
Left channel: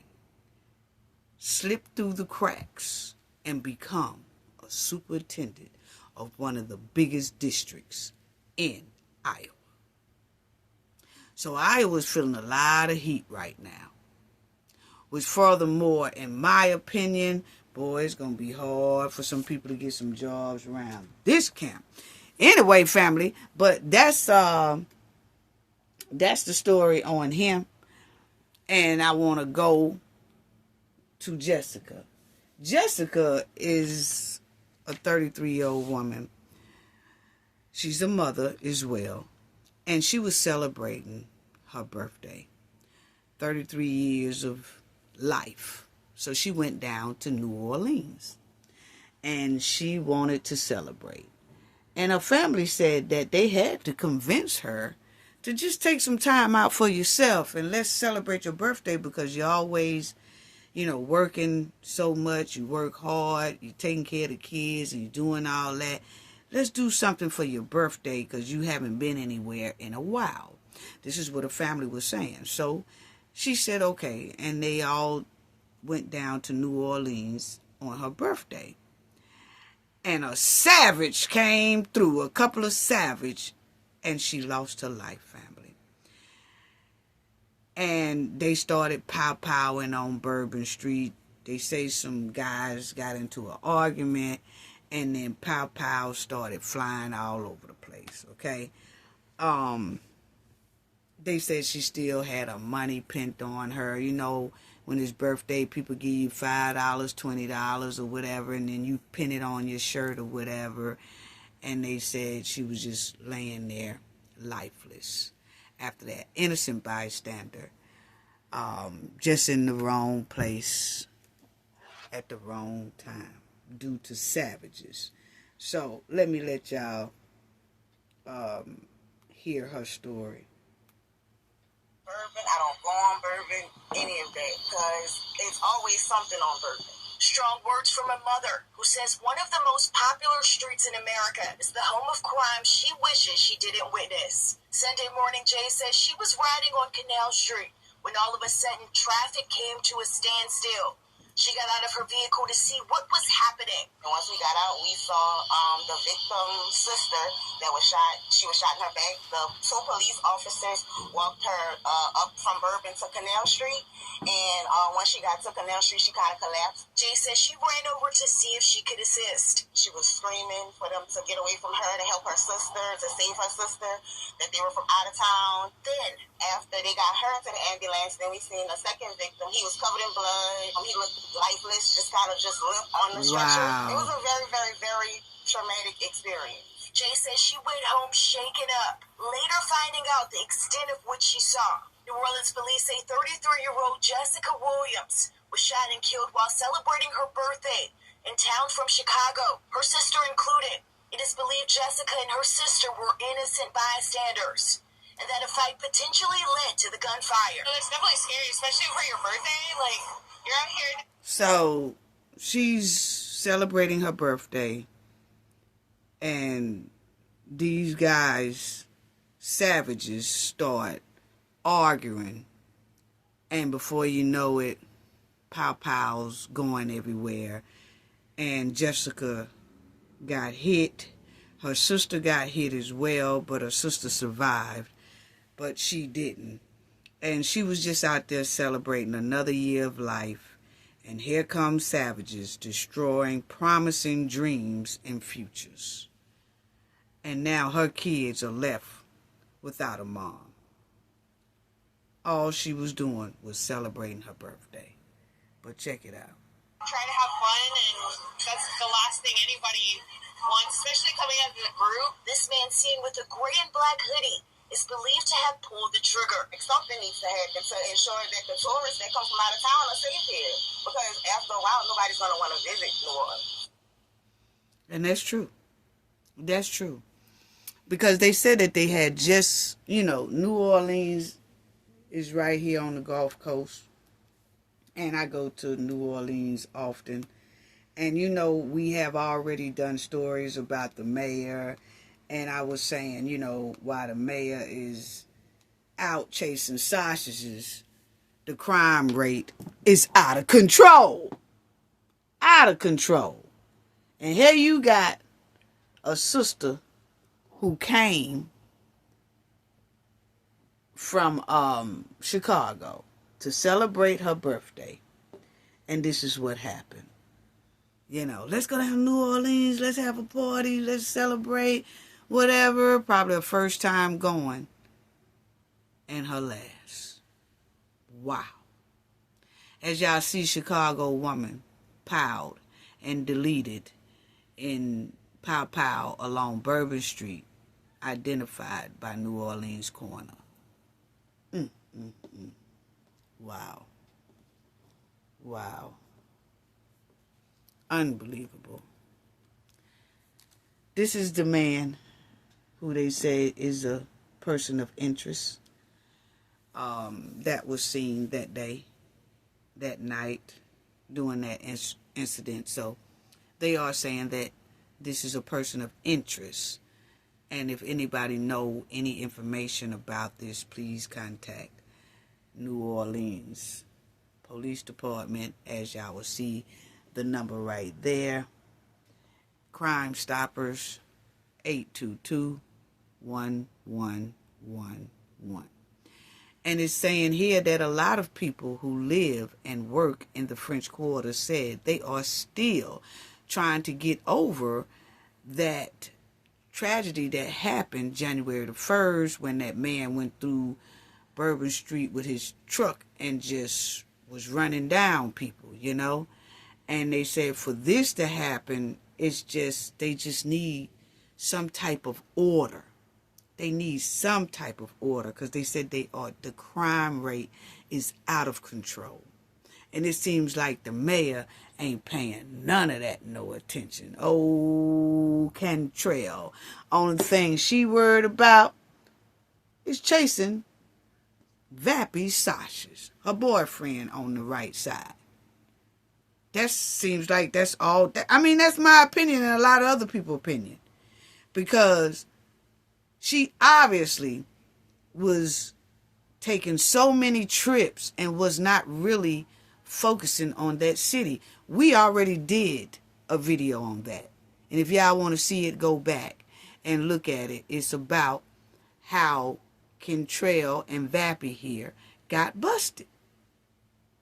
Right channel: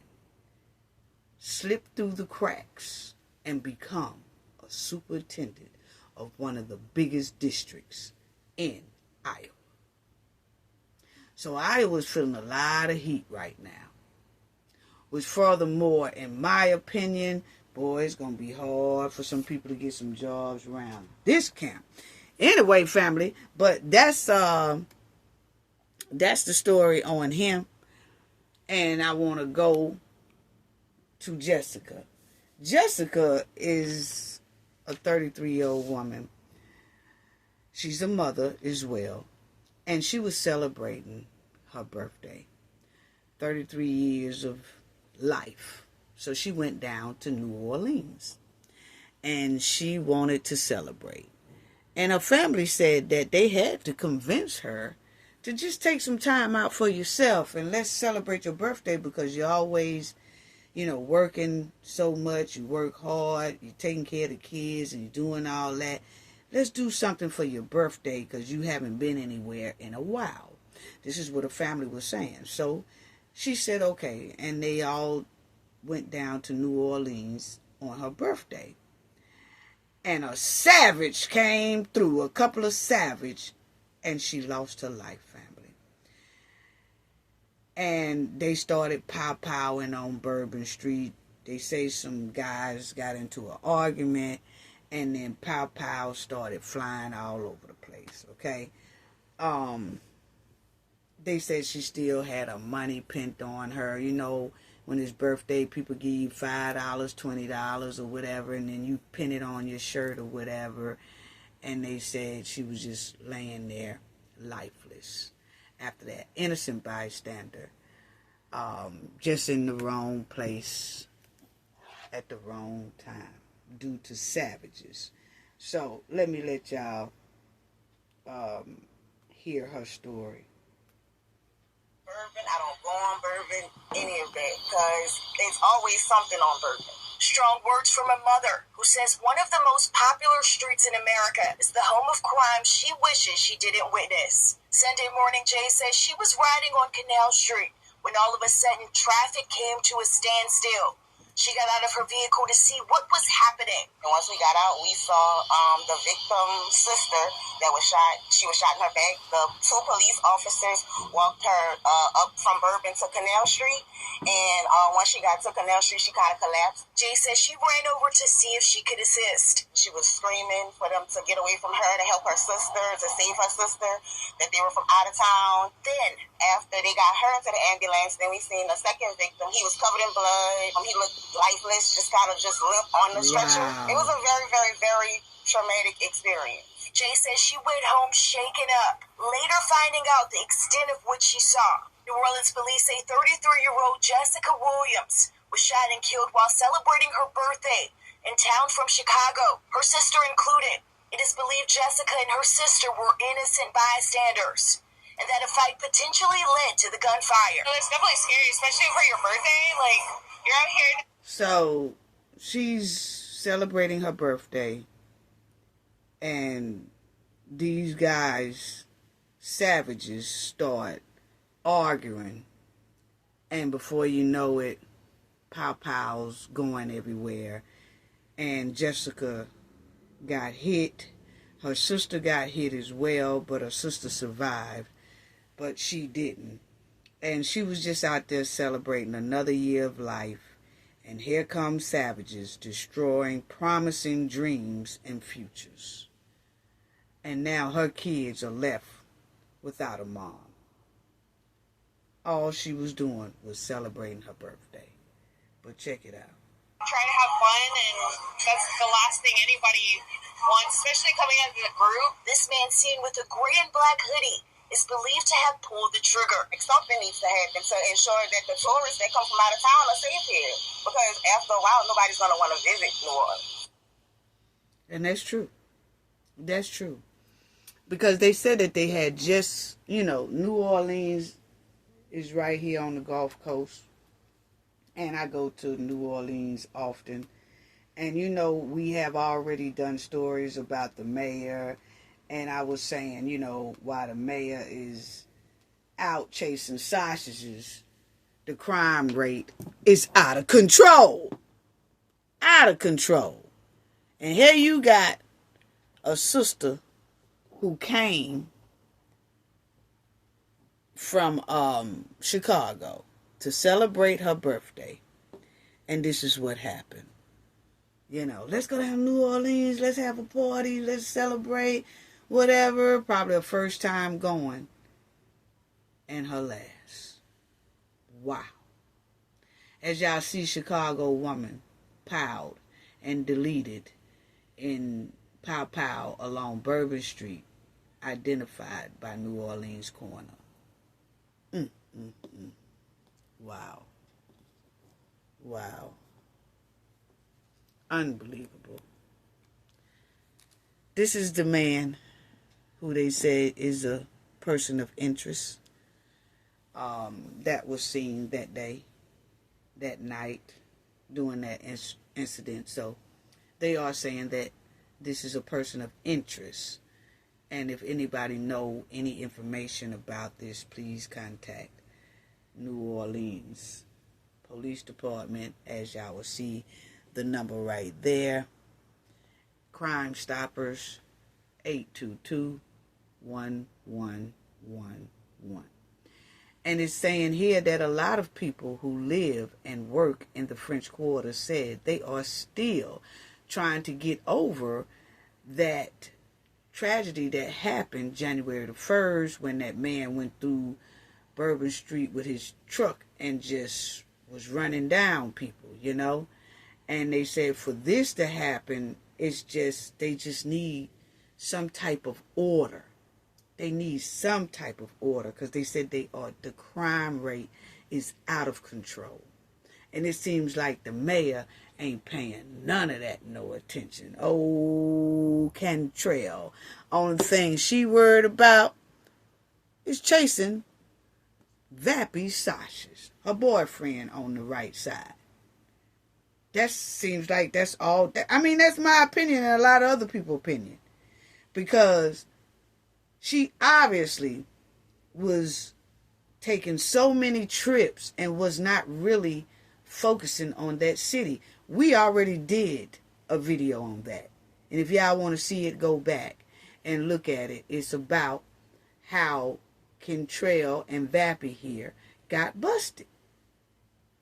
slip through the cracks and become a superintendent of one of the biggest districts in Iowa. So Iowa's feeling a lot of heat right now. Which furthermore, in my opinion, boy, it's going to be hard for some people to get some jobs around this camp. Anyway, family, but that's the story on him. And I want to go to Jessica. Jessica is a 33-year-old woman. She's a mother as well. And she was celebrating her birthday. 33 years of life. So she went down to New Orleans. And she wanted to celebrate. And her family said that they had to convince her to just take some time out for yourself and let's celebrate your birthday, because you're always, you know, working so much. You work hard. You're taking care of the kids and you're doing all that. Let's do something for your birthday because you haven't been anywhere in a while. This is what her family was saying. So she said, okay. And they all went down to New Orleans on her birthday. And a savage came through, a couple of savage, and she lost her life, family. And they started pow-powing on Bourbon Street. They say some guys got into an argument, and then pow-pow started flying all over the place, okay? They said she still had her money pinned on her. You know, when it's birthday, people give you $5, $20 or whatever, and then you pin it on your shirt or whatever. And they said she was just laying there lifeless after that. Innocent bystander. Just in the wrong place at the wrong time due to savages. So let me let y'all hear her story. Bourbon, I don't go on Bourbon, any of that, because there's always something on Bourbon. Strong words from a mother who says one of the most popular streets in America is the home of crime she wishes she didn't witness. Sunday morning, Jay says she was riding on Canal Street when all of a sudden traffic came to a standstill. She got out of her vehicle to see what was happening. And once we got out, we saw the victim's sister that was shot. She was shot in her back. The two police officers walked her up from Bourbon to Canal Street. And once she got to Canal Street, she kind of collapsed. Jay says she ran over to see if she could assist. She was screaming for them to get away from her, to help her sister, to save her sister, that they were from out of town. Then, after they got her into the ambulance, then we seen the second victim. He was covered in blood. He looked lifeless, just kind of just limp on the stretcher. Wow. It was a very, very, very traumatic experience. Jay says she went home shaken up, later finding out the extent of what she saw. New Orleans police say 33-year-old Jessica Williams was shot and killed while celebrating her birthday in town from Chicago, her sister included. It is believed Jessica and her sister were innocent bystanders. and that a fight potentially led to the gunfire. It's definitely scary, especially for your birthday. Like, you're out here. So she's celebrating her birthday, and these guys, savages, start arguing, and before you know it, pow-pows going everywhere, and Jessica got hit. Her sister got hit as well, but her sister survived, but she didn't. And she was just out there celebrating another year of life, and here come savages destroying promising dreams and futures. And now her kids are left without a mom. All she was doing was celebrating her birthday. But check it out. Try to have fun, and that's the last thing anybody wants, especially coming out of the group. This man seen with a gray and black hoodie is believed to have pulled the trigger. Something needs to happen to ensure that the tourists that come from out of town are safe here. Because after a while, nobody's going to want to visit New Orleans. And that's true. That's true. Because they said that they had just, New Orleans is right here on the Gulf Coast. And I go to New Orleans often. And we have already done stories about the mayor. And I was saying, while the mayor is out chasing sausages, the crime rate is out of control. Out of control. And here you got a sister who came from Chicago to celebrate her birthday. And this is what happened. Let's go down to New Orleans. Let's have a party. Let's celebrate. Whatever. Probably her first time going. And her last. Wow. As y'all see, Chicago woman piled and deleted in Pow Pow along Bourbon Street, identified by New Orleans coroner. Wow. Wow. Unbelievable. This is the man who they say is a person of interest that was seen that day, that night, during that incident. So they are saying that this is a person of interest. And if anybody know any information about this, please contact New Orleans Police Department, as y'all will see the number right there. Crime Stoppers, 822-1111. And it's saying here that a lot of people who live and work in the French Quarter said they are still trying to get over that tragedy that happened January the 1st when that man went through Bourbon Street with his truck and just was running down people, And they said for this to happen, they just need some type of order. They need some type of order because they said the crime rate is out of control. And it seems like the mayor ain't paying none of that no attention. Oh, Cantrell. Only thing she worried about is chasing Vappy's sausages, her boyfriend on the right side. That seems like that's all. That's my opinion and a lot of other people's opinion. Because she obviously was taking so many trips and was not really focusing on that city. We already did a video on that. And if y'all want to see it, go back and look at it. It's about how Kentrell and Vappy here got busted.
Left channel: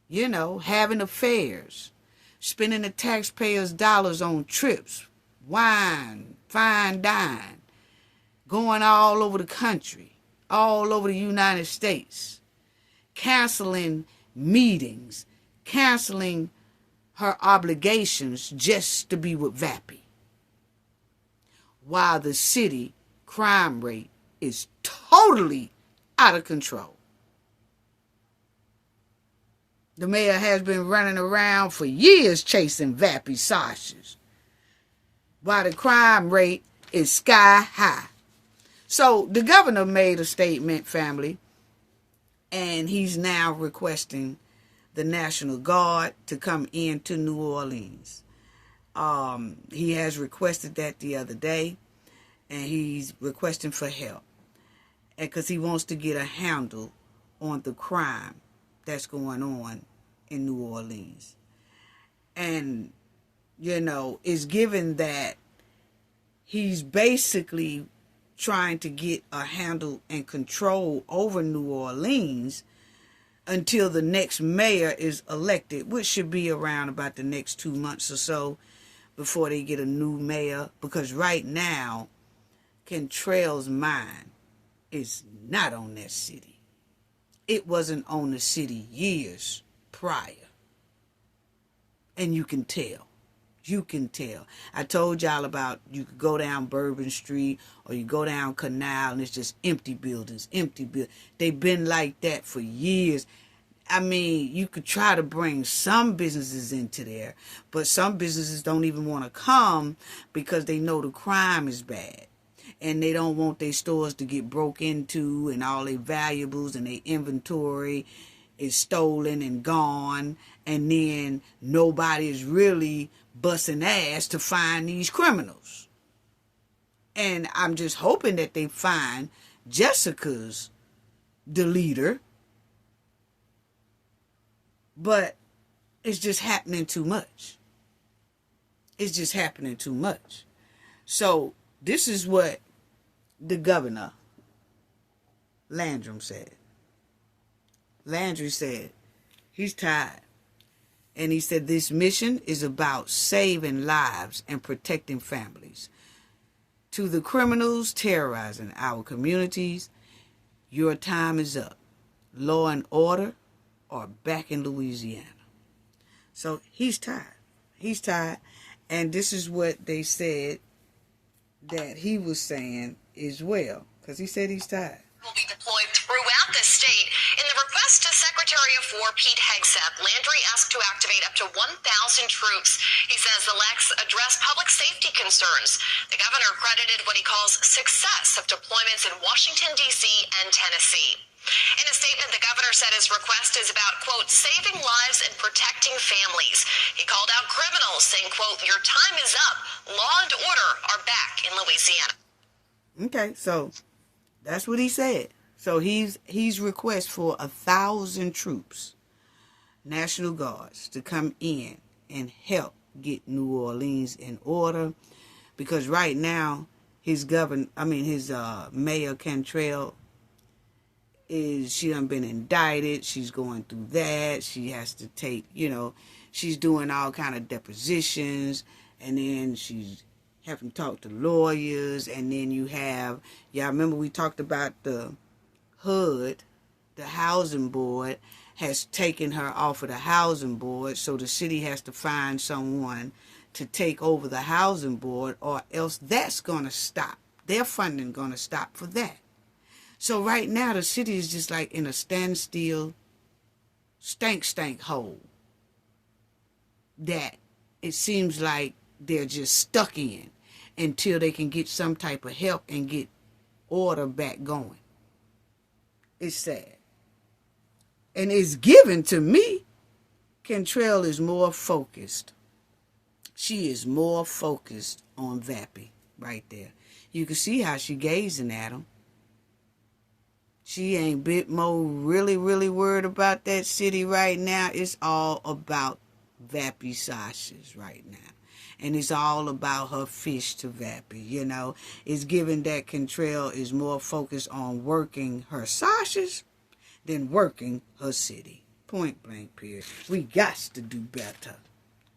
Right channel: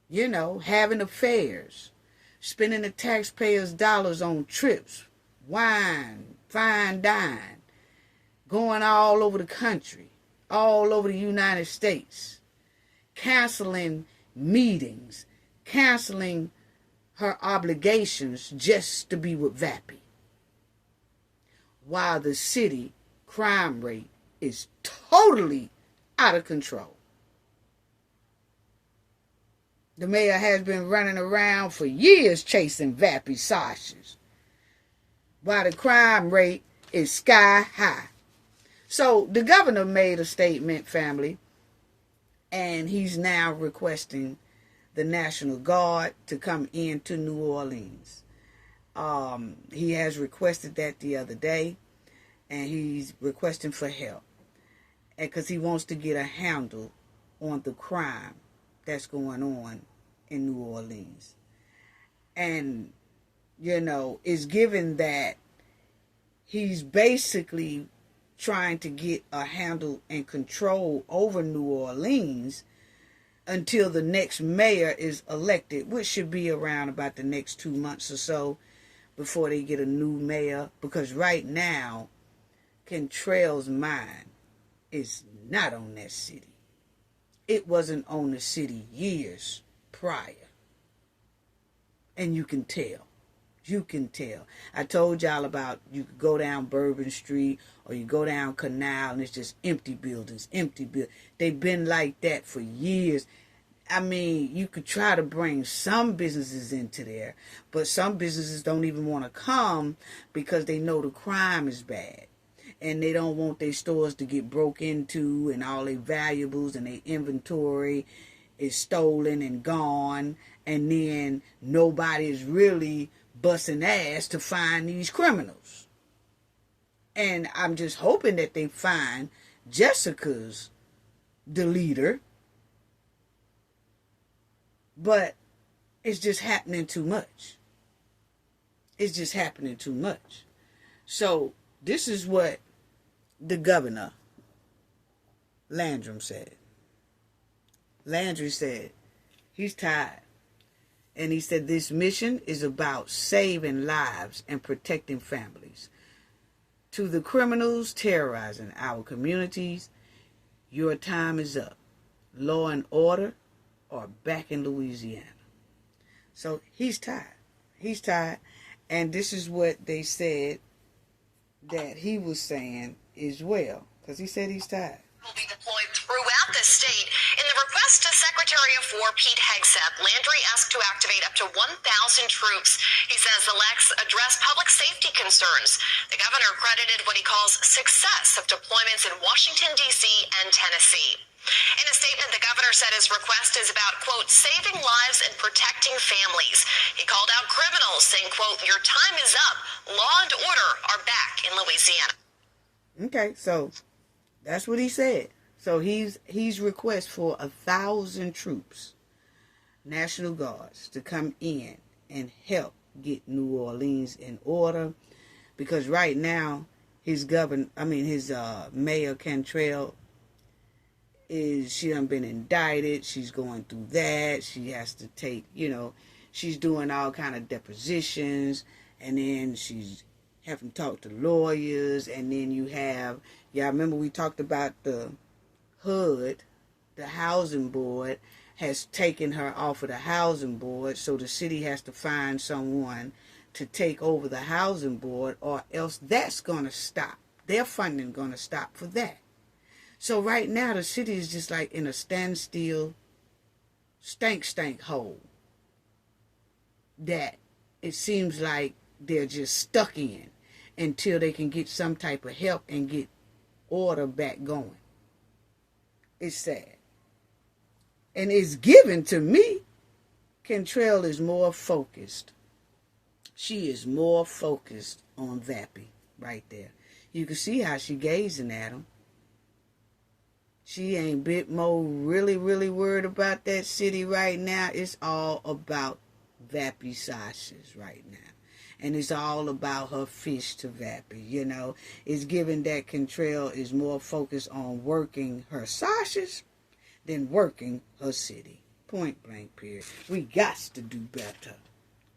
Having affairs, spending the taxpayers' dollars on trips, wine, fine dine, going all over the country, all over the United States, canceling meetings, canceling her obligations just to be with Vappy. While the city crime rate is totally out of control. The mayor has been running around for years chasing Vappy sausages, while the crime rate is sky high. So the governor made a statement, family, and he's now requesting the National Guard to come into New Orleans. He has requested that the other day, and he's requesting for help, and because he wants to get a handle on the crime that's going on in New Orleans. And, you know, it's given that he's basically trying to get a handle and control over New Orleans until the next mayor is elected, which should be around about the next 2 months or so before they get a new mayor. Because right now, Cantrell's mind is not on that city. It wasn't on the city years prior. And you can tell. You can tell. I told y'all about you could go down Bourbon Street or you go down Canal and it's just empty buildings, empty buildings. They've been like that for years. I mean, you could try to bring some businesses into there, but some businesses don't even want to come because they know the crime is bad. And they don't want their stores to get broke into and all their valuables and their inventory is stolen and gone. And then nobody is really busting ass to find these criminals. And I'm just hoping that they find Jessica's the leader. But it's just happening too much. It's just happening too much. So this is what the governor, Landry, said. Landry said he's tired. And he said this mission is about saving lives and protecting families. To the criminals terrorizing our communities, your time is up. Law and order are back in Louisiana. So he's tired. He's tired. And this is what they said that he was saying as well. Because he said he's tired. Will be deployed throughout the state. In the request to Secretary of War Pete Hegseth, Landry asked to activate up to 1,000 troops. He says the LEX address public safety concerns. The governor credited what he calls success of deployments in Washington, D.C. and Tennessee. In a statement, the governor said his request is about, quote, saving lives and protecting families. He called out criminals, saying, quote, your time is up. Law and order are back in Louisiana. Okay, so that's what he said. So he's request for 1,000 troops, National Guards, to come in and help get New Orleans in order, because right now his mayor Cantrell she done been indicted. She's going through that. She has to take, she's doing all kind of depositions, and then she's having to talk to lawyers, and then y'all remember we talked about the HUD, the housing board, has taken her off of the housing board, so the city has to find someone to take over the housing board, or else that's going to stop. Their funding going to stop for that. So right now the city is just like in a standstill, stank hole that it seems like they're just stuck in until they can get some type of help and get order back going. It's sad. And it's given to me, Cantrell is more focused. She is more focused on Vappy right there. You can see how she gazing at him. She ain't bit more really worried about that city right now. It's all about Vappy sausages right now. And it's all about her fish to Vappy, It's given that Cantrell is more focused on working her sausages than working her city. Point blank period. We got to do better.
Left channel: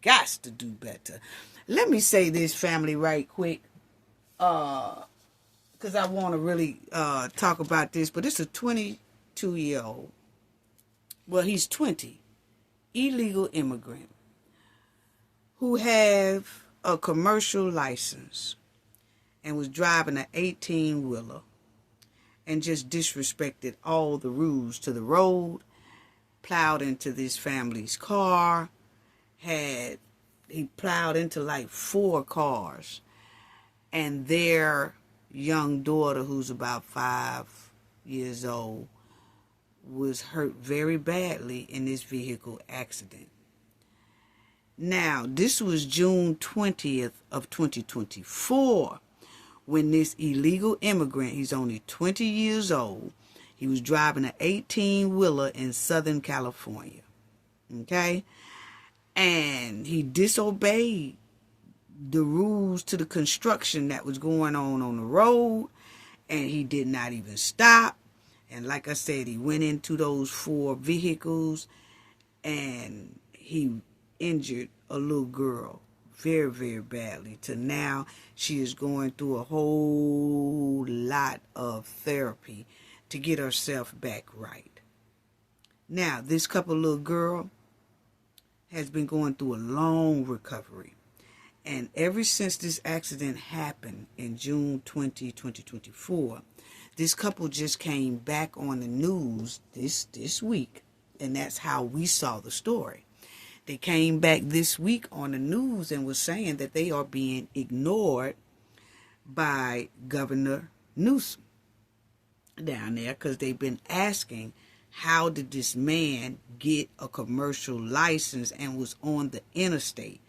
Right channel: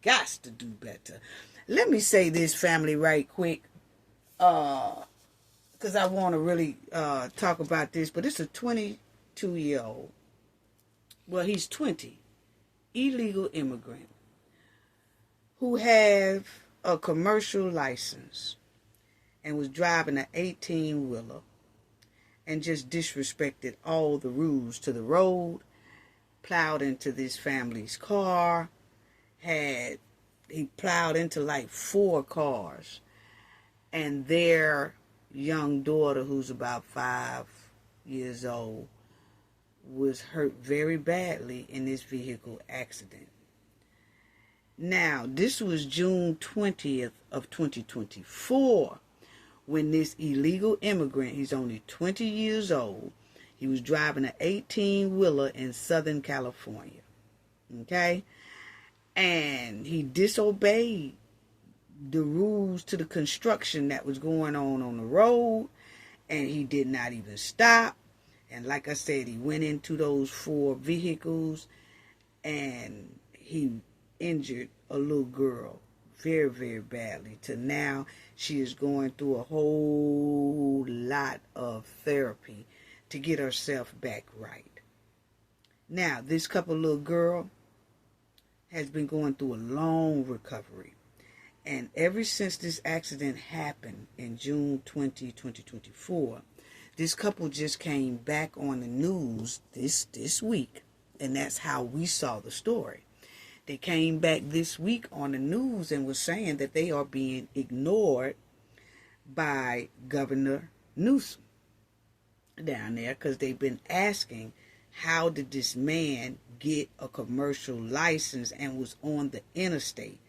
Got to do better. Let me say this, family, right quick. Because I want to really talk about this. But it's a 22-year-old. Well, he's 20. Illegal immigrant. Who have a commercial license and was driving an 18-wheeler and just disrespected all the rules to the road, plowed into this family's car, he plowed into like 4 cars, and their young daughter, who's about 5 years old, was hurt very badly in this vehicle accident. Now, this was June 20th of 2024 when this illegal immigrant, he's only 20 years old, he was driving an 18-wheeler in Southern California. Okay? And he disobeyed the rules to the construction that was going on the road, and he did not even stop. And like I said, he went into those 4 vehicles, and he injured a little girl very, very badly. To now, she is going through a whole lot of therapy to get herself back right. Now, this couple little girl has been going through a long recovery. And ever since this accident happened in June 2024, this couple just came back on the news this week. And that's how we saw the story. They came back this week on the news and was saying that they are being ignored by Governor Newsom down there, because they've been asking, how did this man get a commercial license and was on the interstate?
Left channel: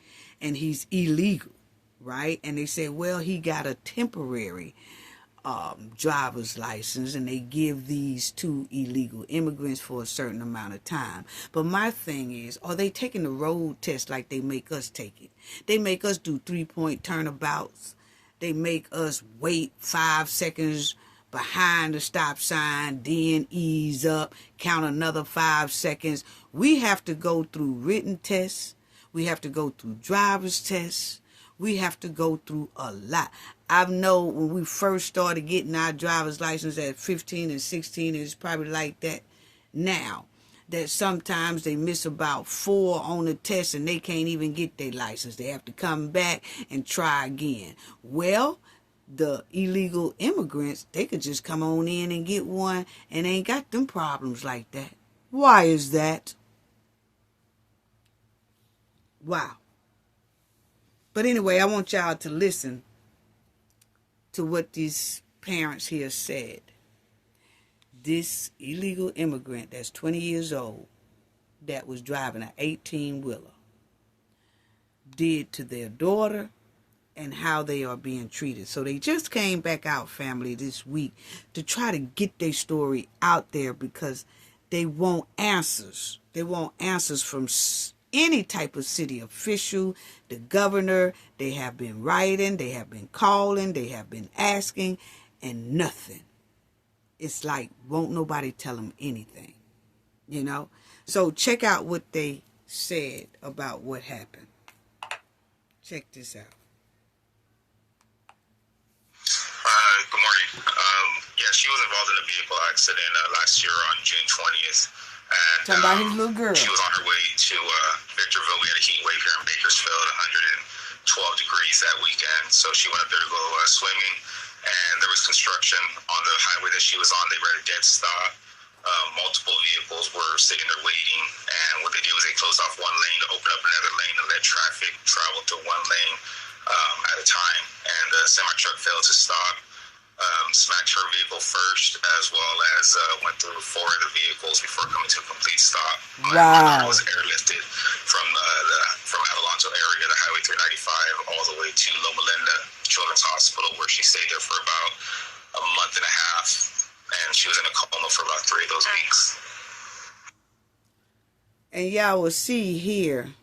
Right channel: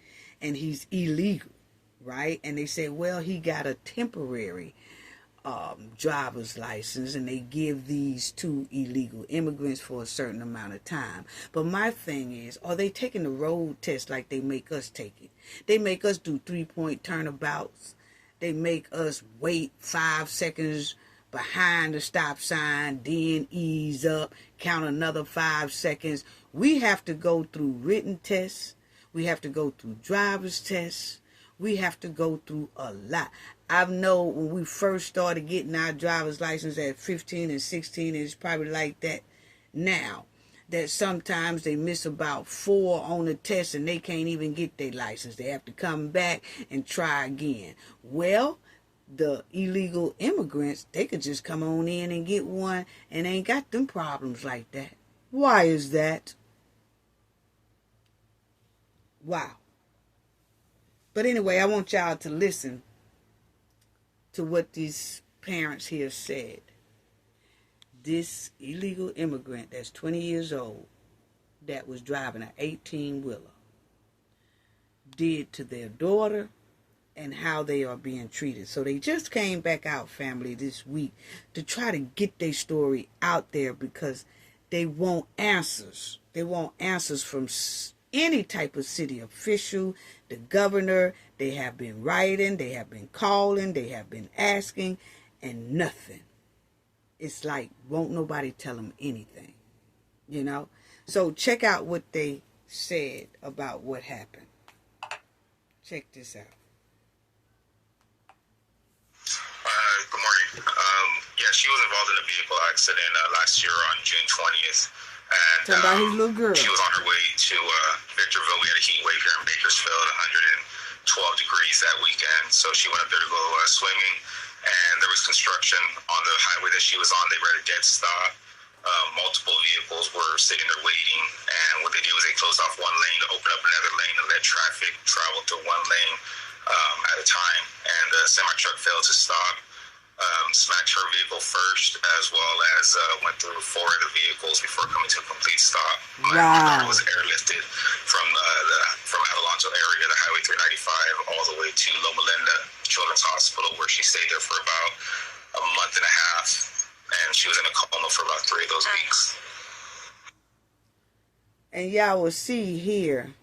And he's illegal, right? And they said, well, he got a temporary driver's license, and they give these 2 illegal immigrants for a certain amount of time. But my thing is, are they taking the road test like they make us take it? They make us do 3-point turnabouts. They make us wait 5 seconds behind the stop sign, then ease up, count another 5 seconds. We have to go through written tests. We have to go through driver's tests. We have to go through a lot. I know when we first started getting our driver's license at 15 and 16, it's probably like that now, that sometimes they miss about 4 on the test and they can't even get their license. They have to come back and try again. Well, the illegal immigrants, they could just come on in and get one and ain't got them problems like that. Why is that? Wow. But anyway, I want y'all to listen to what these parents here said. This illegal immigrant that's 20 years old that was driving an 18-wheeler did to their daughter and how they are being treated. So they just came back out, family, this week to try to get their story out there, because they want answers. They want answers from any type of city official, the governor. They have been writing, they have been calling, they have been asking, and nothing. It's like, won't nobody tell them anything, you know? So check out what they said about what happened. Check this out. Good morning. Yeah, she was involved in a vehicle accident last year on June 20th. And Talking about his little girl. She was on her way to Victorville. We had a heat wave here in Bakersfield, 112 degrees that weekend. So she went up there to go swimming, and there was construction on the highway that she was on. They were at a dead stop. Multiple vehicles were sitting there waiting, and what they did was they closed off one lane to open up another lane and let traffic travel through one lane at a time. And the semi-truck failed to stop. Smacked her vehicle first, as well as went through 4 other vehicles before coming to a complete stop. My daughter was airlifted from Adelanto area, the Highway 395, all the way to Loma Linda Children's Hospital, where she stayed there for about a month and a half, and she was in a coma for about 3 of those weeks. And y'all will see here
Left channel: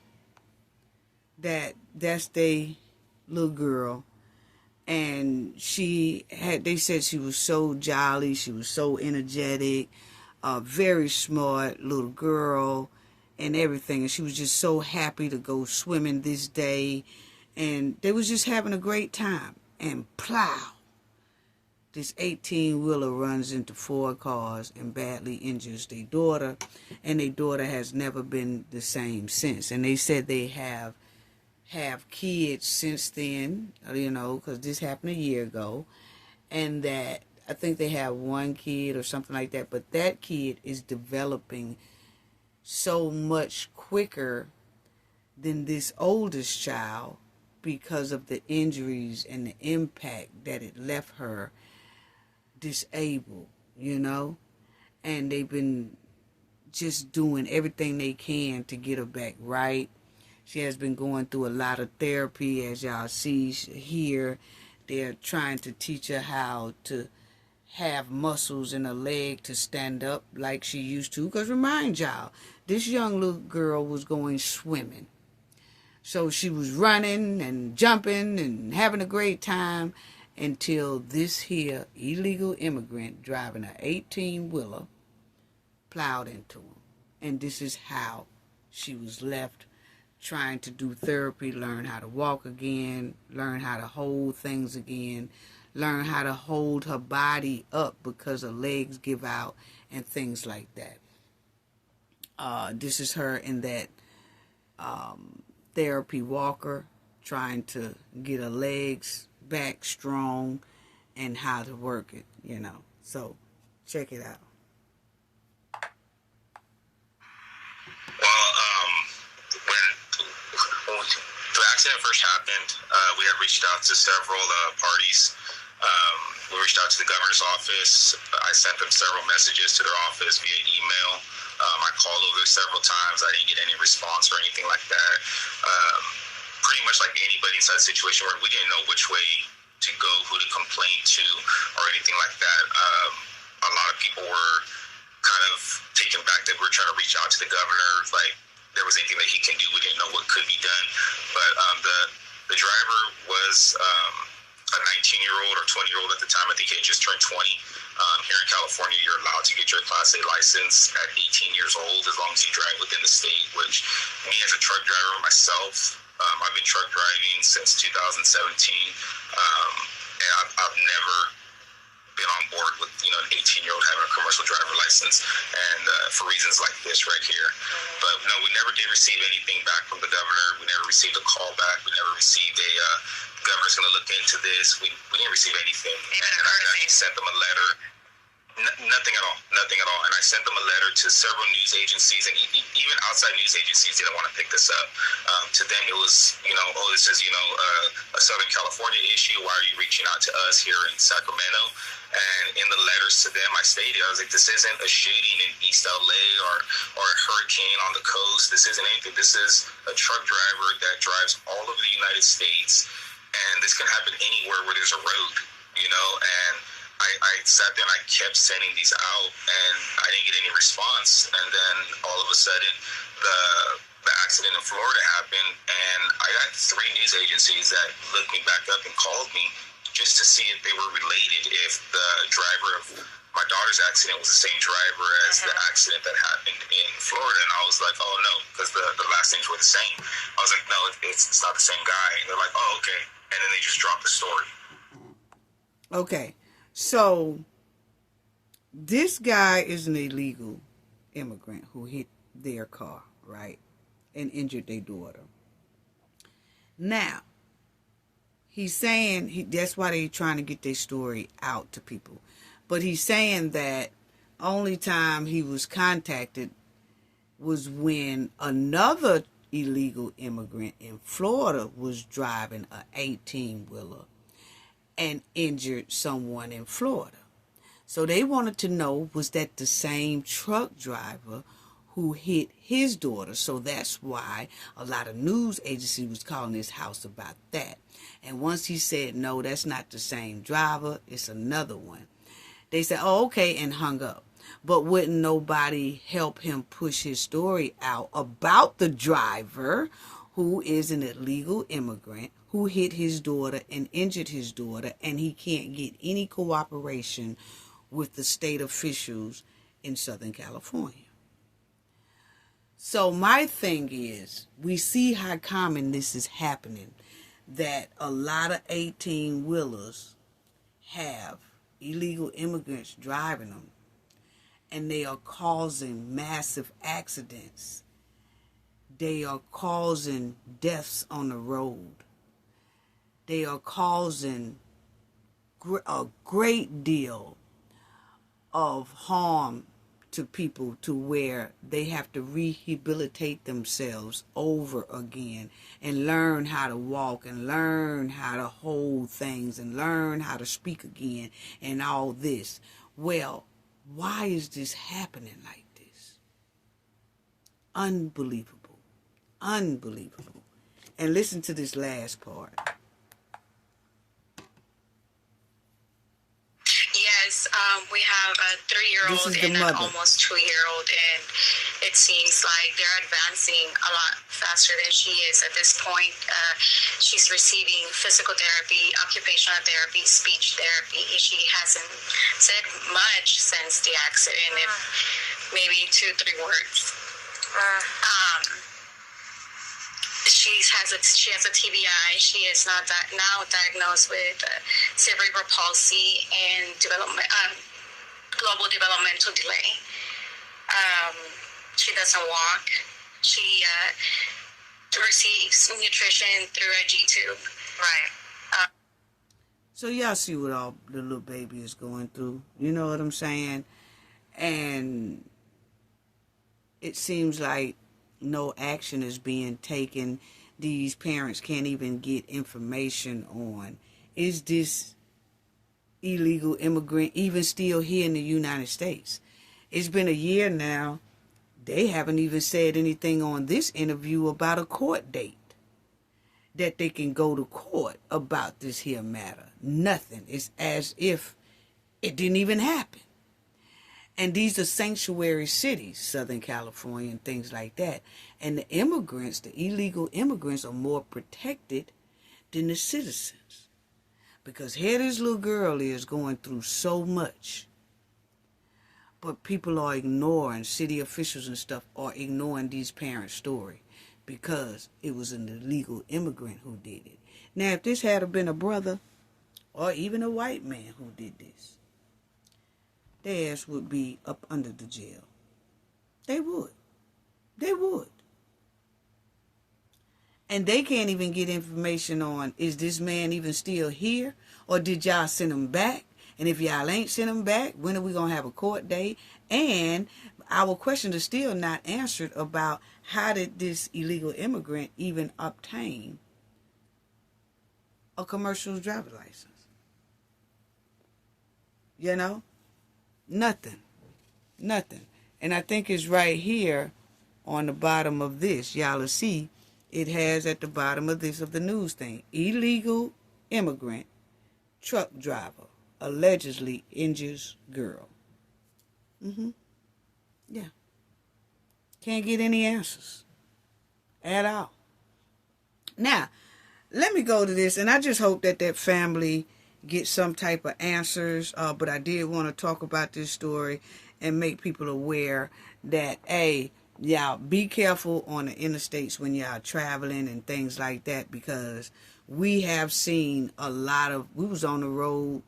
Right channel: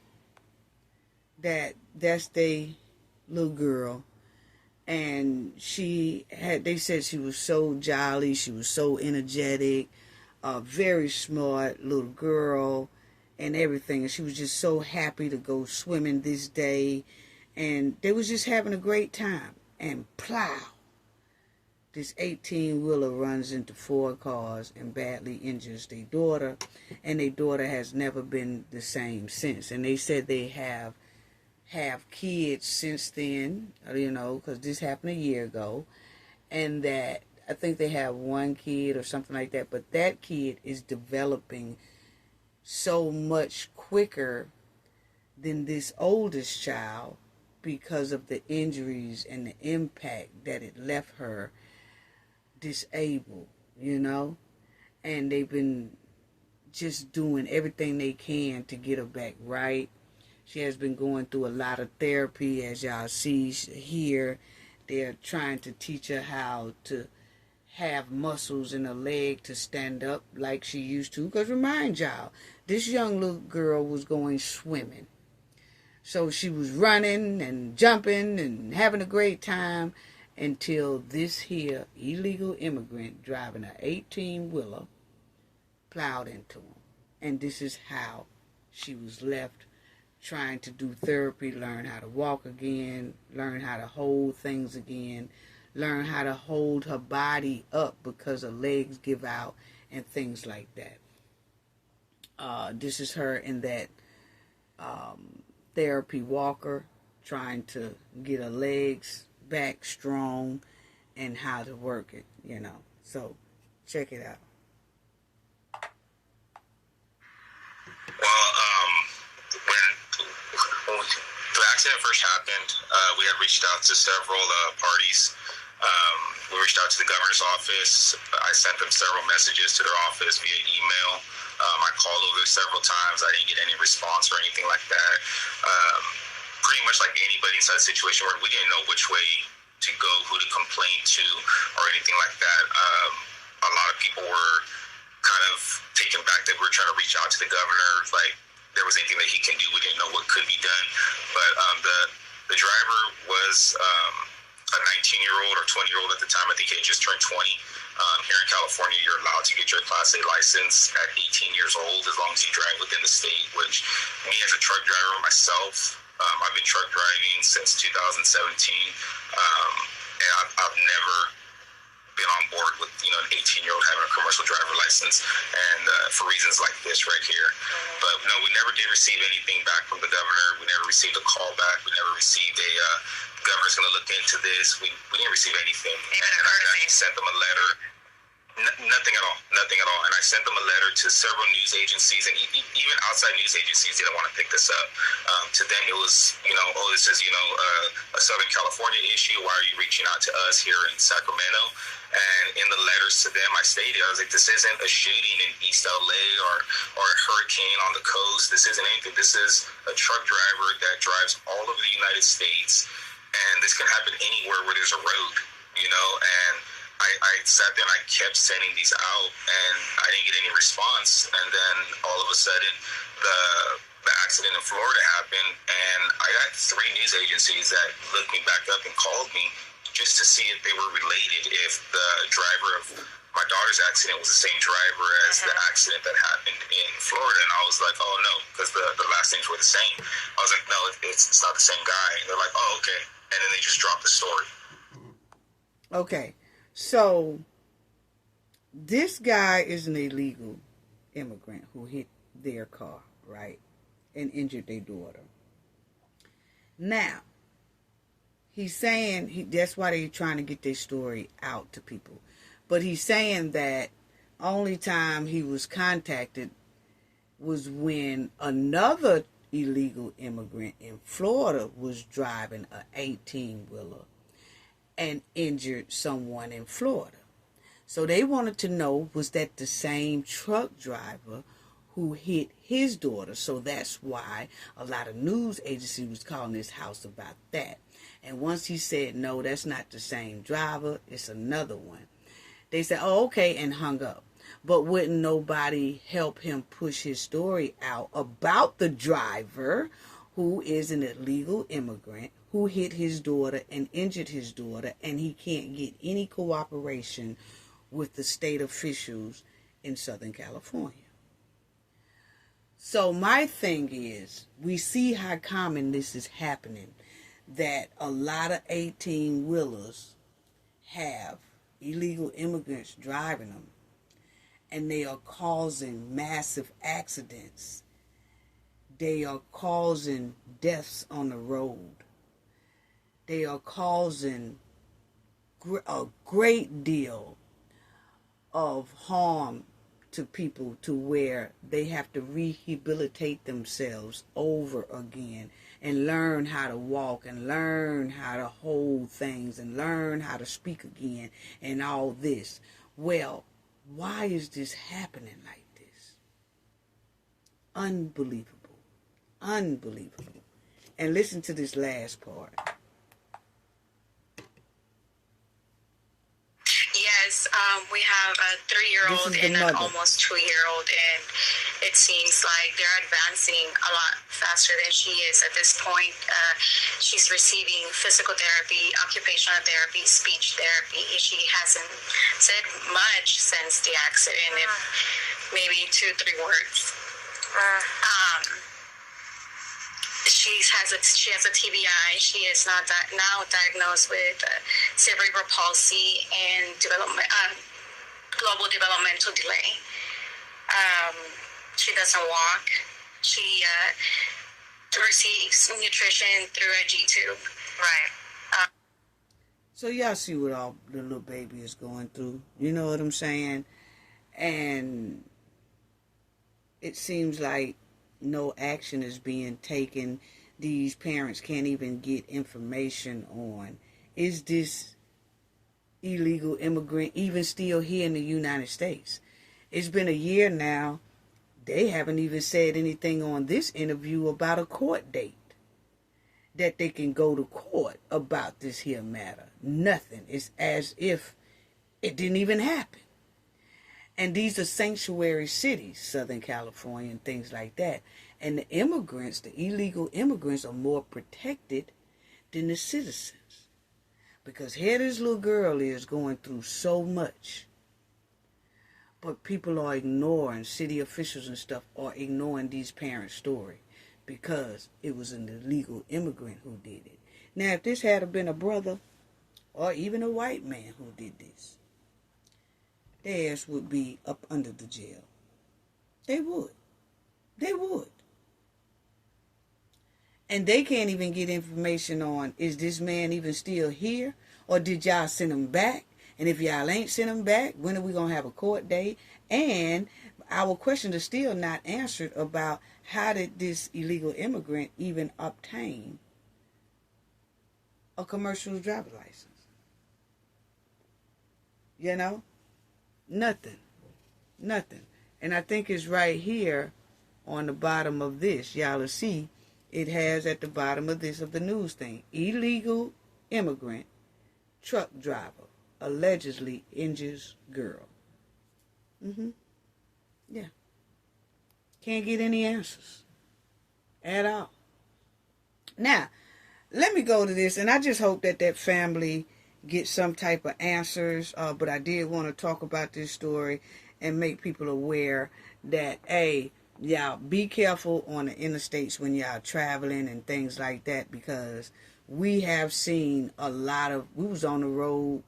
that that's the little girl. And they said she was so jolly, she was so energetic, very smart little girl and everything. And she was just so happy to go swimming this day. And they was just having a great time. And plow, this 18-wheeler runs into 4 cars and badly injures their daughter. And their daughter has never been the same since. And they said they have kids since then, you know, because this happened a year ago, and that I think they have 1 kid or something like that, but that kid is developing so much quicker than this oldest child, because of the injuries and the impact that it left her disabled, you know, and they've been just doing everything they can to get her back right. She has been going through a lot of therapy, as y'all see here. They're trying to teach her how to have muscles in her leg to stand up like she used to. Because remind y'all, this young little girl was going swimming. So she was running and jumping and having a great time until this here illegal immigrant driving an 18-wheeler plowed into him. And this is how she was left trying to do therapy, learn how to walk again, learn how to hold things again, learn how to hold her body up because her legs give out and things like that. This is her in that therapy walker, trying to get her legs back strong and how to work it, you know. So, check it out. Well, when the accident first happened, we had reached out to several parties. We reached out to the governor's office. I sent them several messages to their office via email. I called over several times. I didn't get any response or anything like that. Pretty much like anybody inside the situation where we didn't know which way to go, who to complain to, or anything like that. A lot of people were kind of taken back that we're trying to reach out to the governor, like there was anything that he can do. We didn't know what could be done. But the driver was a 19-year-old or 20-year-old at the time. I think he had just turned 20. Here in California, you're allowed to get your Class A license at 18 years old as long as you drive within the state, which me as a truck driver myself, I've been truck driving since 2017, and I've never been on board with, you know, an 18-year-old having a commercial driver license, and for reasons like this right here. But no, we never did receive anything back from the governor. We never received a call back. We never received a governor's going to look into this. We didn't receive anything. And I actually sent them a letter. Nothing at all. Nothing at all. And I sent them a letter to several news agencies, and even outside news agencies didn't want to pick this up. To them, it was, you know, oh, this is, you know, a Southern California issue. Why are you reaching out to us here in Sacramento? And in the letters to them, I stated, I was like, this isn't a shooting in East LA or a hurricane on the coast. This isn't anything. This is a truck driver that drives all over the United States, and this can happen anywhere where there's a road, you know. And I sat there and I kept sending these out, and I didn't get any response. And then all of a sudden, the accident in Florida happened, and I got 3 news agencies that looked me back up and called me just to see if they were related, if the driver of my daughter's accident was the same driver as the accident that happened in Florida. And I was like, oh no, because the last names were the same. I was like, no, it's not the same guy. And they're like, oh, okay. And then they just dropped the story. Okay. So, this guy is an illegal immigrant who hit their car, right, and injured their daughter. Now, he's saying, that's why they're trying to get their story out to people. But he's saying that only time he was contacted was when another illegal immigrant in Florida was driving an 18-wheeler and injured someone in Florida. So they wanted to know, was that the same truck driver who hit his daughter? So that's why a lot of news agencies was calling this house about that. And once he said, no, that's not the same driver, it's another one, they said, oh, okay, and hung up. But wouldn't nobody help him push his story out about the driver who is an illegal immigrant who hit his daughter and injured his daughter, and he can't get any cooperation with the state officials in Southern California. So my thing is, we see how common this is happening, that a lot of 18-wheelers have illegal immigrants driving them, and they are causing massive accidents. They are causing deaths on the road. They are causing a great deal of harm to people, to where they have to rehabilitate themselves over again and learn how to walk and learn how to hold things and learn how to speak again and all this. Well, why is this happening like this? Unbelievable. Unbelievable. And listen to this last part. Yes, we have a 3-year-old and an almost 2-year-old, and it seems like they're advancing a lot faster than she is at this point. She's receiving physical therapy, occupational therapy, speech therapy. She hasn't said much since the accident, if maybe 2-3 words. She has a TBI. She is now diagnosed with cerebral palsy and global developmental delay. She doesn't walk. She receives nutrition through a G-tube. Right. So y'all see what all the little baby is going through. You know what I'm saying? And it seems like no action is being taken. These parents can't even get information on, is this illegal immigrant even still here in the United States? It's been a year now. They haven't even said anything on this interview about a court date that they can go to court about this here matter. Nothing. It's as if it didn't even happen. And these are sanctuary cities, Southern California and things like that. And the immigrants, the illegal immigrants, are more protected than the citizens. Because here this little girl is going through so much. But people are ignoring, city officials and stuff are ignoring these parents' story. Because it was an illegal immigrant who did it. Now, if this had been a brother or even a white man who did this, their ass would be up under the jail. They would. They would. And they can't even get information on, is this man even still here? Or did y'all send him back? And if y'all ain't sent him back, when are we going to have a court date? And our question is still not answered about how did this illegal immigrant even obtain a commercial driver's license? You know? Nothing. Nothing. And I think it's right here on the bottom of this. Y'all will see it has at the bottom of this, of the news thing. Illegal immigrant truck driver allegedly injures girl. Yeah. Can't get any answers at all. Now, let me go to this, and I just hope that that family get some type of answers, but I did want to talk about this story and make people aware that, hey, y'all be careful on the interstates when y'all traveling and things like that, because we have seen a lot of, we was on the road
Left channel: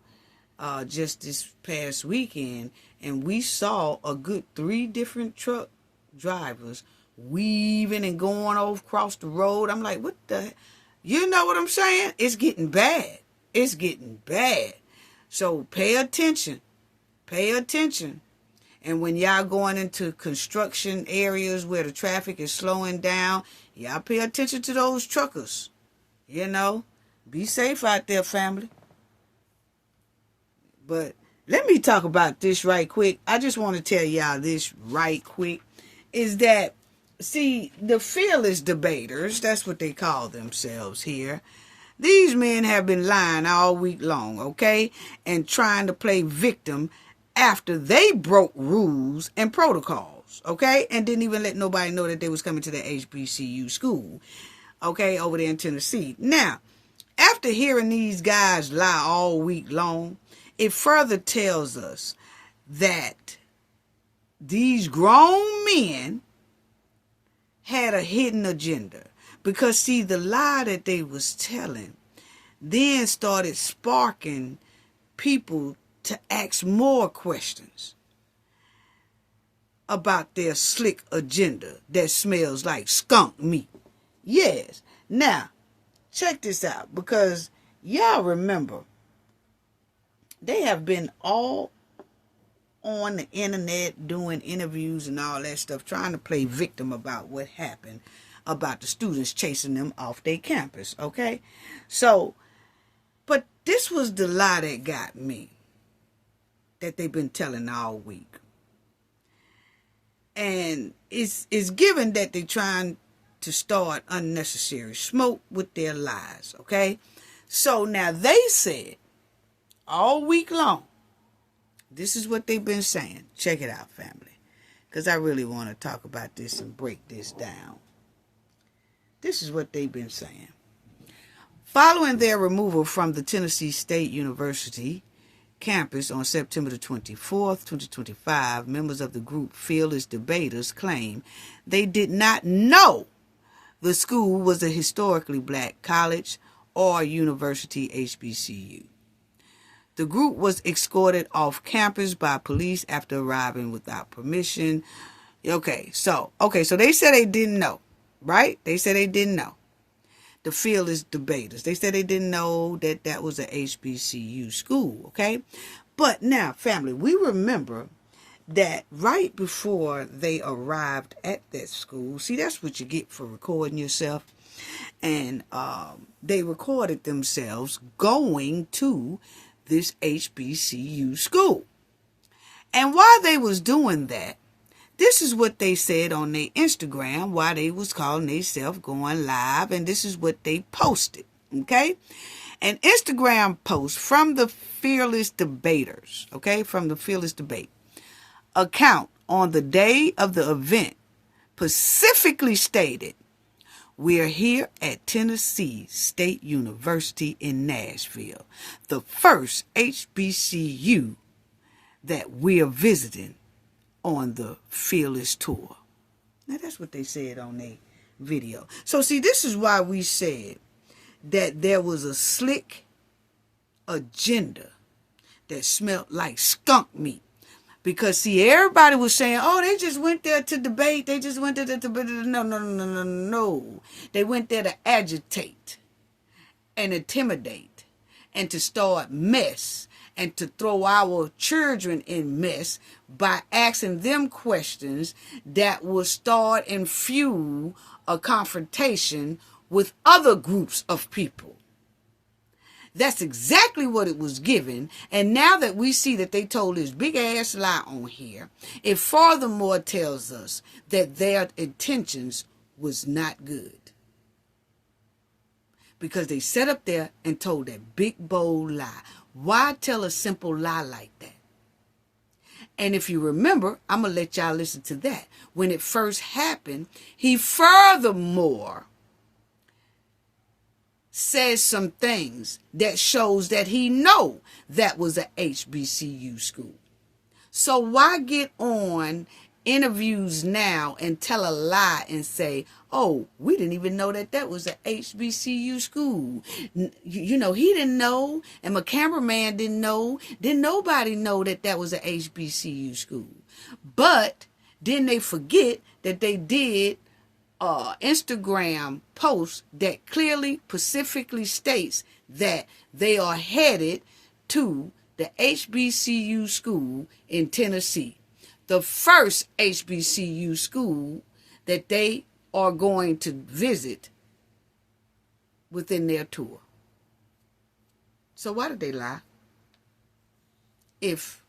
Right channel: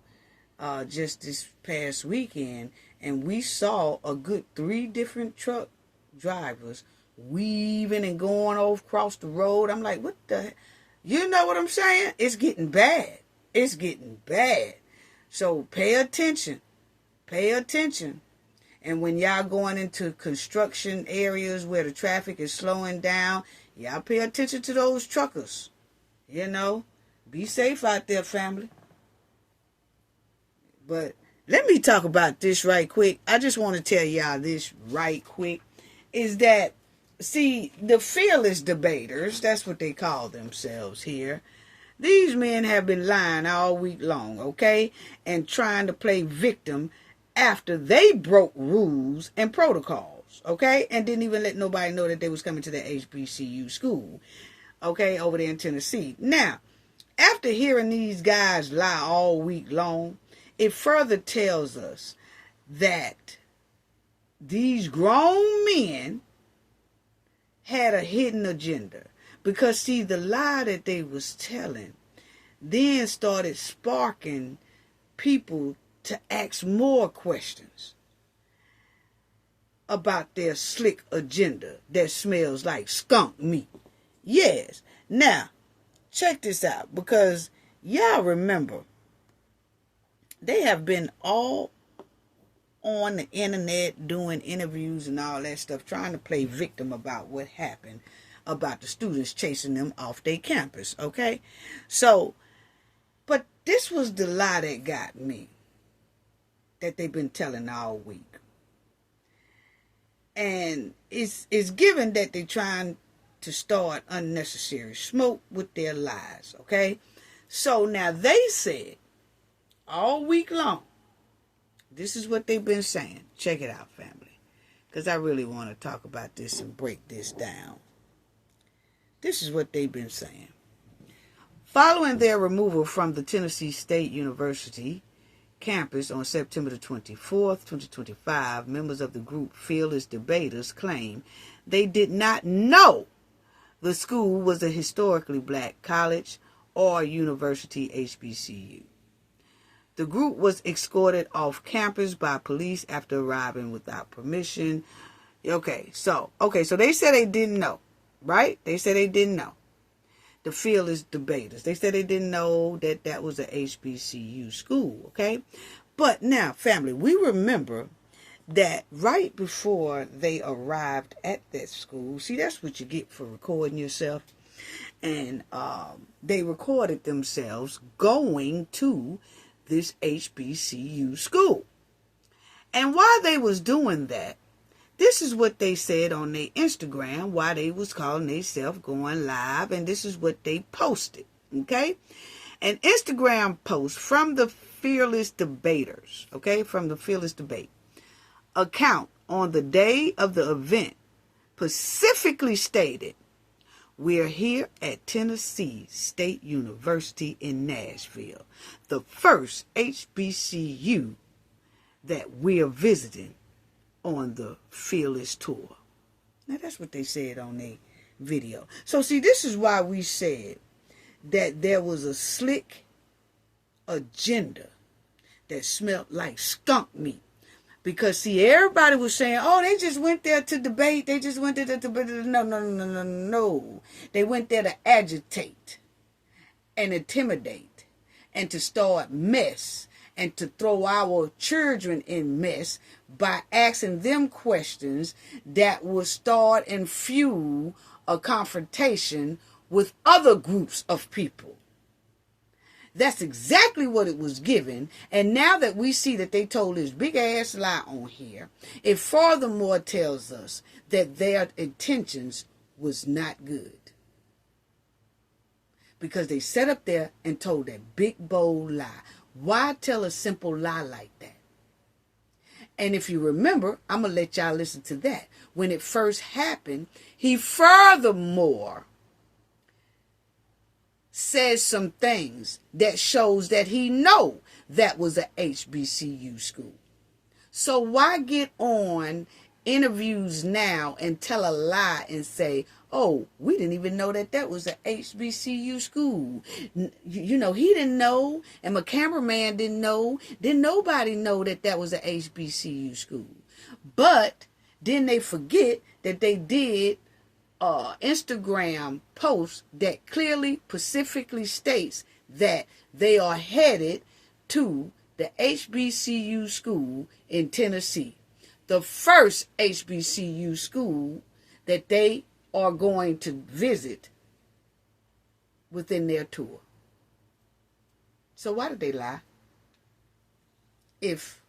just this past weekend, and we saw a good 3 different truck drivers weaving and going across the road. I'm like, what the, you know what I'm saying? It's getting bad. It's getting bad. So pay attention. Pay attention. And when y'all going into construction areas where the traffic is slowing down, y'all pay attention to those truckers. You know, be safe out there, family. But let me talk about this right quick. I just want to tell y'all this right quick. Is that, see, the fearless debaters, that's what they call themselves here. These men have been lying all week long, okay? And trying to play victim after they broke rules and protocols, okay? And didn't even let nobody know that they was coming to the HBCU school, okay, over there in Tennessee. Now, after hearing these guys lie all week long, it further tells us that these grown men had a hidden agenda. Because, see, the lie that they was telling then started sparking people to ask more questions about their slick agenda that smells like skunk meat. Yes. Now, check this out, because y'all remember, they have been all on the internet doing interviews and all that stuff, trying to play victim about what happened about the students chasing them off their campus, okay? So, but this was the lie that got me, that they've been telling all week. And it's given that they're trying to start unnecessary smoke with their lies, okay? So now they said all week long, this is what they've been saying. Check it out, family, because I really want to talk about this and break this down. This is what they've been saying. Following their removal from the Tennessee State University campus on September the 24th, 2025, members of the group Fearless Debaters claim they did not know the school was a historically black college or university HBCU. The group was escorted off campus by police after arriving without permission. Okay, so they said they didn't know, right? They said they didn't know. The Fearless Debaters. They said they didn't know that that was a HBCU school, okay? But now, family, we remember that right before they arrived at that school, see, that's what you get for recording yourself. And they recorded themselves going to this HBCU school. And while they was doing that, this is what they said on their Instagram while they was calling themselves going live, and this is what they posted, okay? An Instagram post from the Fearless Debaters, okay, from the Fearless Debate account on the day of the event specifically stated, "We're here at Tennessee State University in Nashville, the first HBCU that we're visiting on the Fearless Tour." Now, that's what they said on their video. So, see, this is why we said that there was a slick agenda that smelled like skunk meat. Because, see, everybody was saying, oh, they just went there to debate. They just went there to debate. No. They went there to agitate and intimidate and to start mess and to throw our children in mess by asking them questions that will start and fuel a confrontation with other groups of people. That's exactly what it was given. And now that we see that they told this big ass lie on here, it furthermore tells us that their intentions was not good. Because they sat up there and told that big bold lie. Why tell a simple lie like that? And if you remember, I'm going to let y'all listen to that. When it first happened, he furthermore says some things that shows that he know that was a HBCU school. So why get on interviews now and tell a lie and say, oh, we didn't even know that that was a HBCU school. You know, he didn't know, and my cameraman didn't know. Didn't nobody know that that was a HBCU school. But then they forget that they did Instagram post that clearly, specifically states that they are headed to the HBCU school in Tennessee, the first HBCU school that they are going to visit within their tour. So why did they lie? If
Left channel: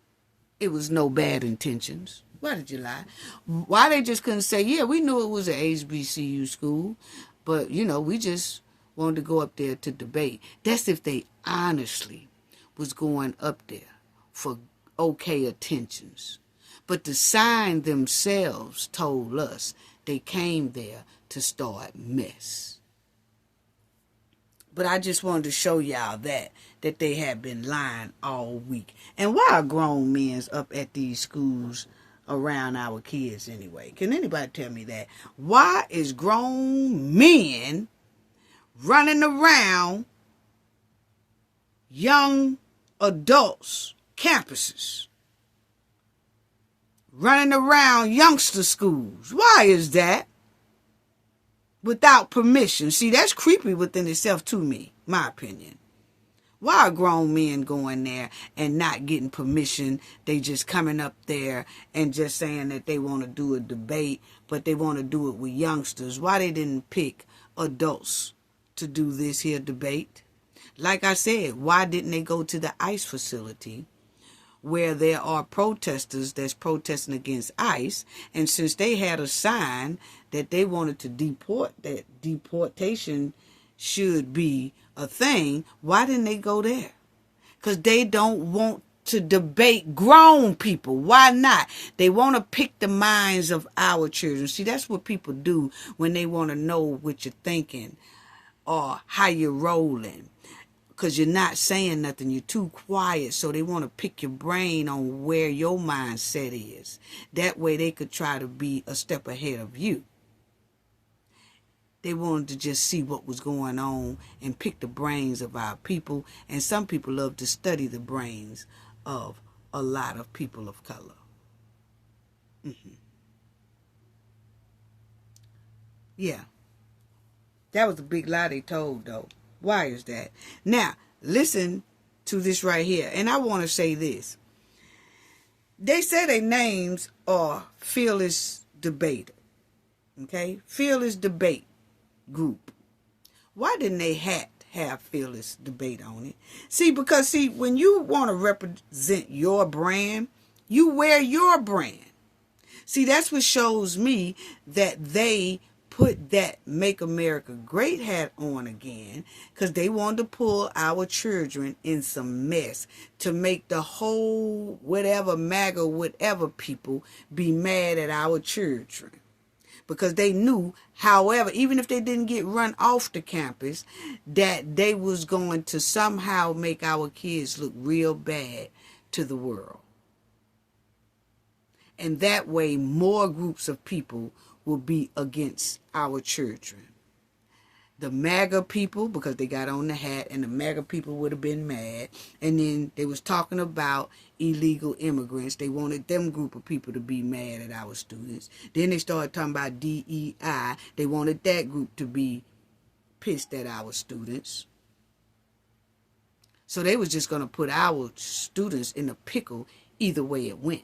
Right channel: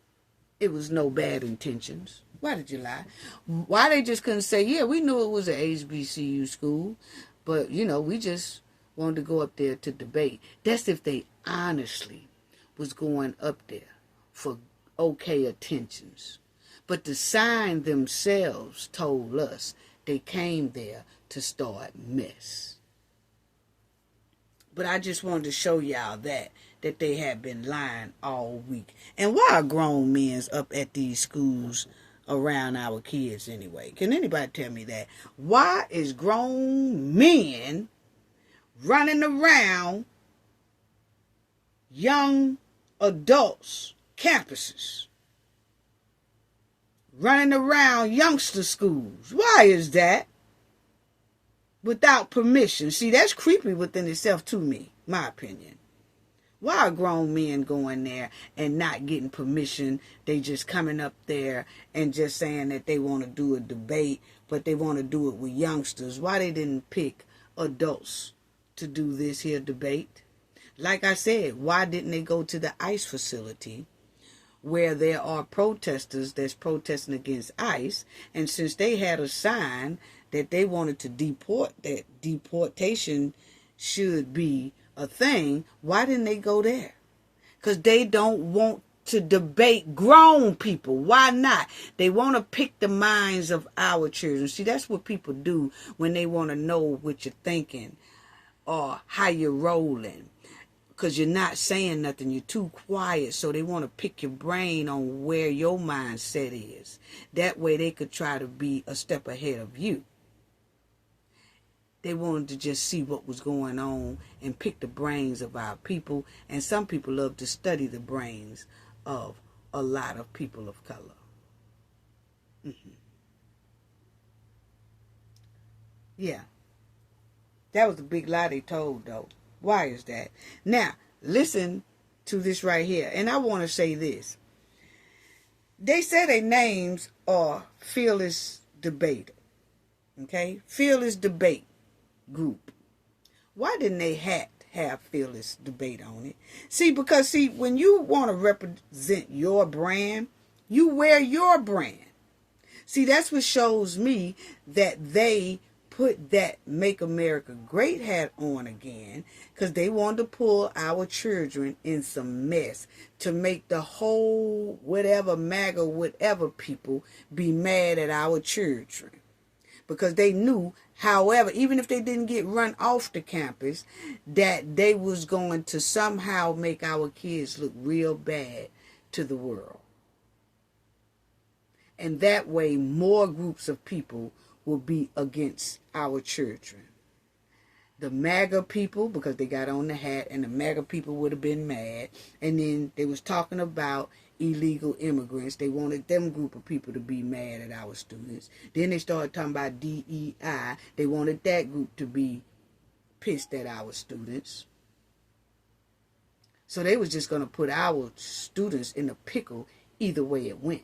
it was no bad intentions, why did you lie? Why they just couldn't say, yeah, we knew it was an HBCU school, but, you know, we just wanted to go up there to debate. That's if they honestly was going up there for okay intentions. But the sign themselves told us they came there to start mess. But I just wanted to show y'all that they have been lying all week. And why are grown men up at these schools around our kids anyway? Can anybody tell me that? Why is grown men running around young adults' campuses? Running around youngster schools. Why is that? Without permission. See, that's creepy within itself to me, my opinion. Why are grown men going there and not getting permission? They just coming up there and just saying that they want to do a debate but they want to do it with youngsters. Why they didn't pick adults to do this here debate? Like I said, why didn't they go to the ICE facility where there are protesters that's protesting against ICE? And since they had a sign that they wanted to deport, that deportation should be a thing, why didn't they go there? Because they don't want to debate grown people. Why not? They want to pick the minds of our children. See, that's what people do when they want to know what you're thinking or how you're rolling. Because you're not saying nothing. You're too quiet. So they want to pick your brain on where your mindset is. That way they could try to be a step ahead of you. They wanted to just see what was going on and pick the brains of our people. And some people love to study the brains of a lot of people of color. Yeah. That was a big lie they told, though. Why is that? Now, listen to this right here. And I want to say this. They say their names are Fearless Debater. Okay? Fearless Debate Group. Why didn't they have Fearless Debate on it? Because when you want to represent your brand, you wear your brand. See, that's what shows me that they put that Make America Great hat on again, because they wanted to pull our children in some mess to make the whole whatever MAGA whatever people be mad at our children. Because they knew, however, even if they didn't get run off the campus, that they was going to somehow make our kids look real bad to the world. And that way, more groups of people will be against our children. The MAGA people, because they got on the hat, and the MAGA people would have been mad. And then they was talking about illegal immigrants. They wanted them group of people to be mad at our students. Then they started talking about DEI. They wanted that group to be pissed at our students. So they was just going to put our students in a pickle either way it went.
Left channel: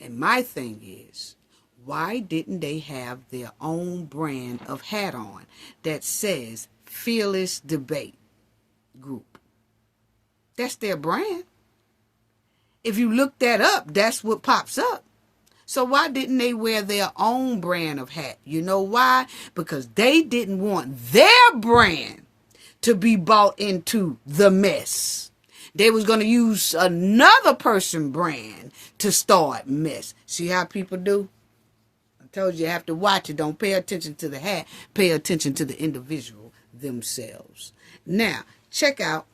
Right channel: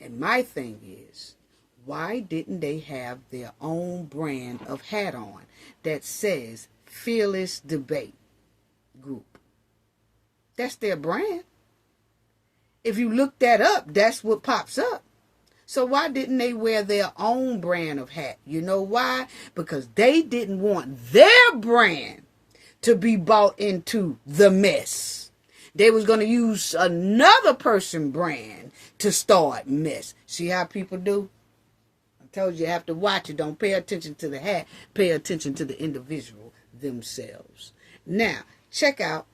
And my thing is, why didn't they have their own brand of hat on that says Fearless Debate Group? That's their brand. If you look that up, that's what pops up. So why didn't they wear their own brand of hat? You know why? Because they didn't want their brand to be bought into the mess. They was going to use another person's brand to start mess. See how people do? I told you have to watch it. Don't pay attention to the hat. Pay attention to the individual themselves. Now, check out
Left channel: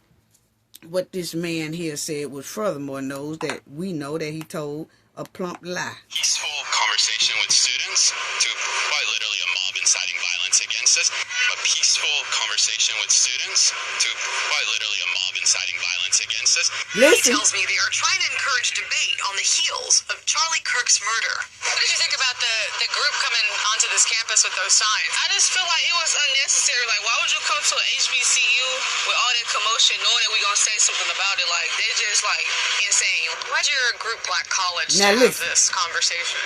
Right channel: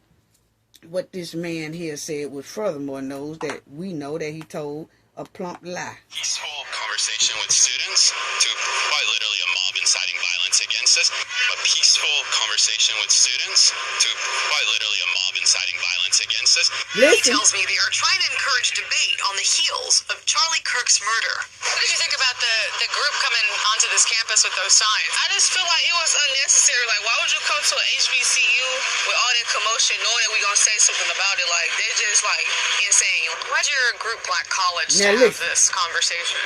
what this man here said, was furthermore knows that we know that he told a plump lie. Peaceful conversation with students to quite literally a mob inciting violence against us. A peaceful conversation with students to quite literally a mob inciting violence against us. He tells me they are trying to encourage debate on the heels of Charlie Kirk's murder. What did you think about the group coming onto this campus with those signs? I just feel like it was unnecessary. Like, why would you come to an HBCU with all that commotion knowing that we're going to say something about it? Like, they're just, like, insane. Why'd your group Black College Now have listen. this conversation?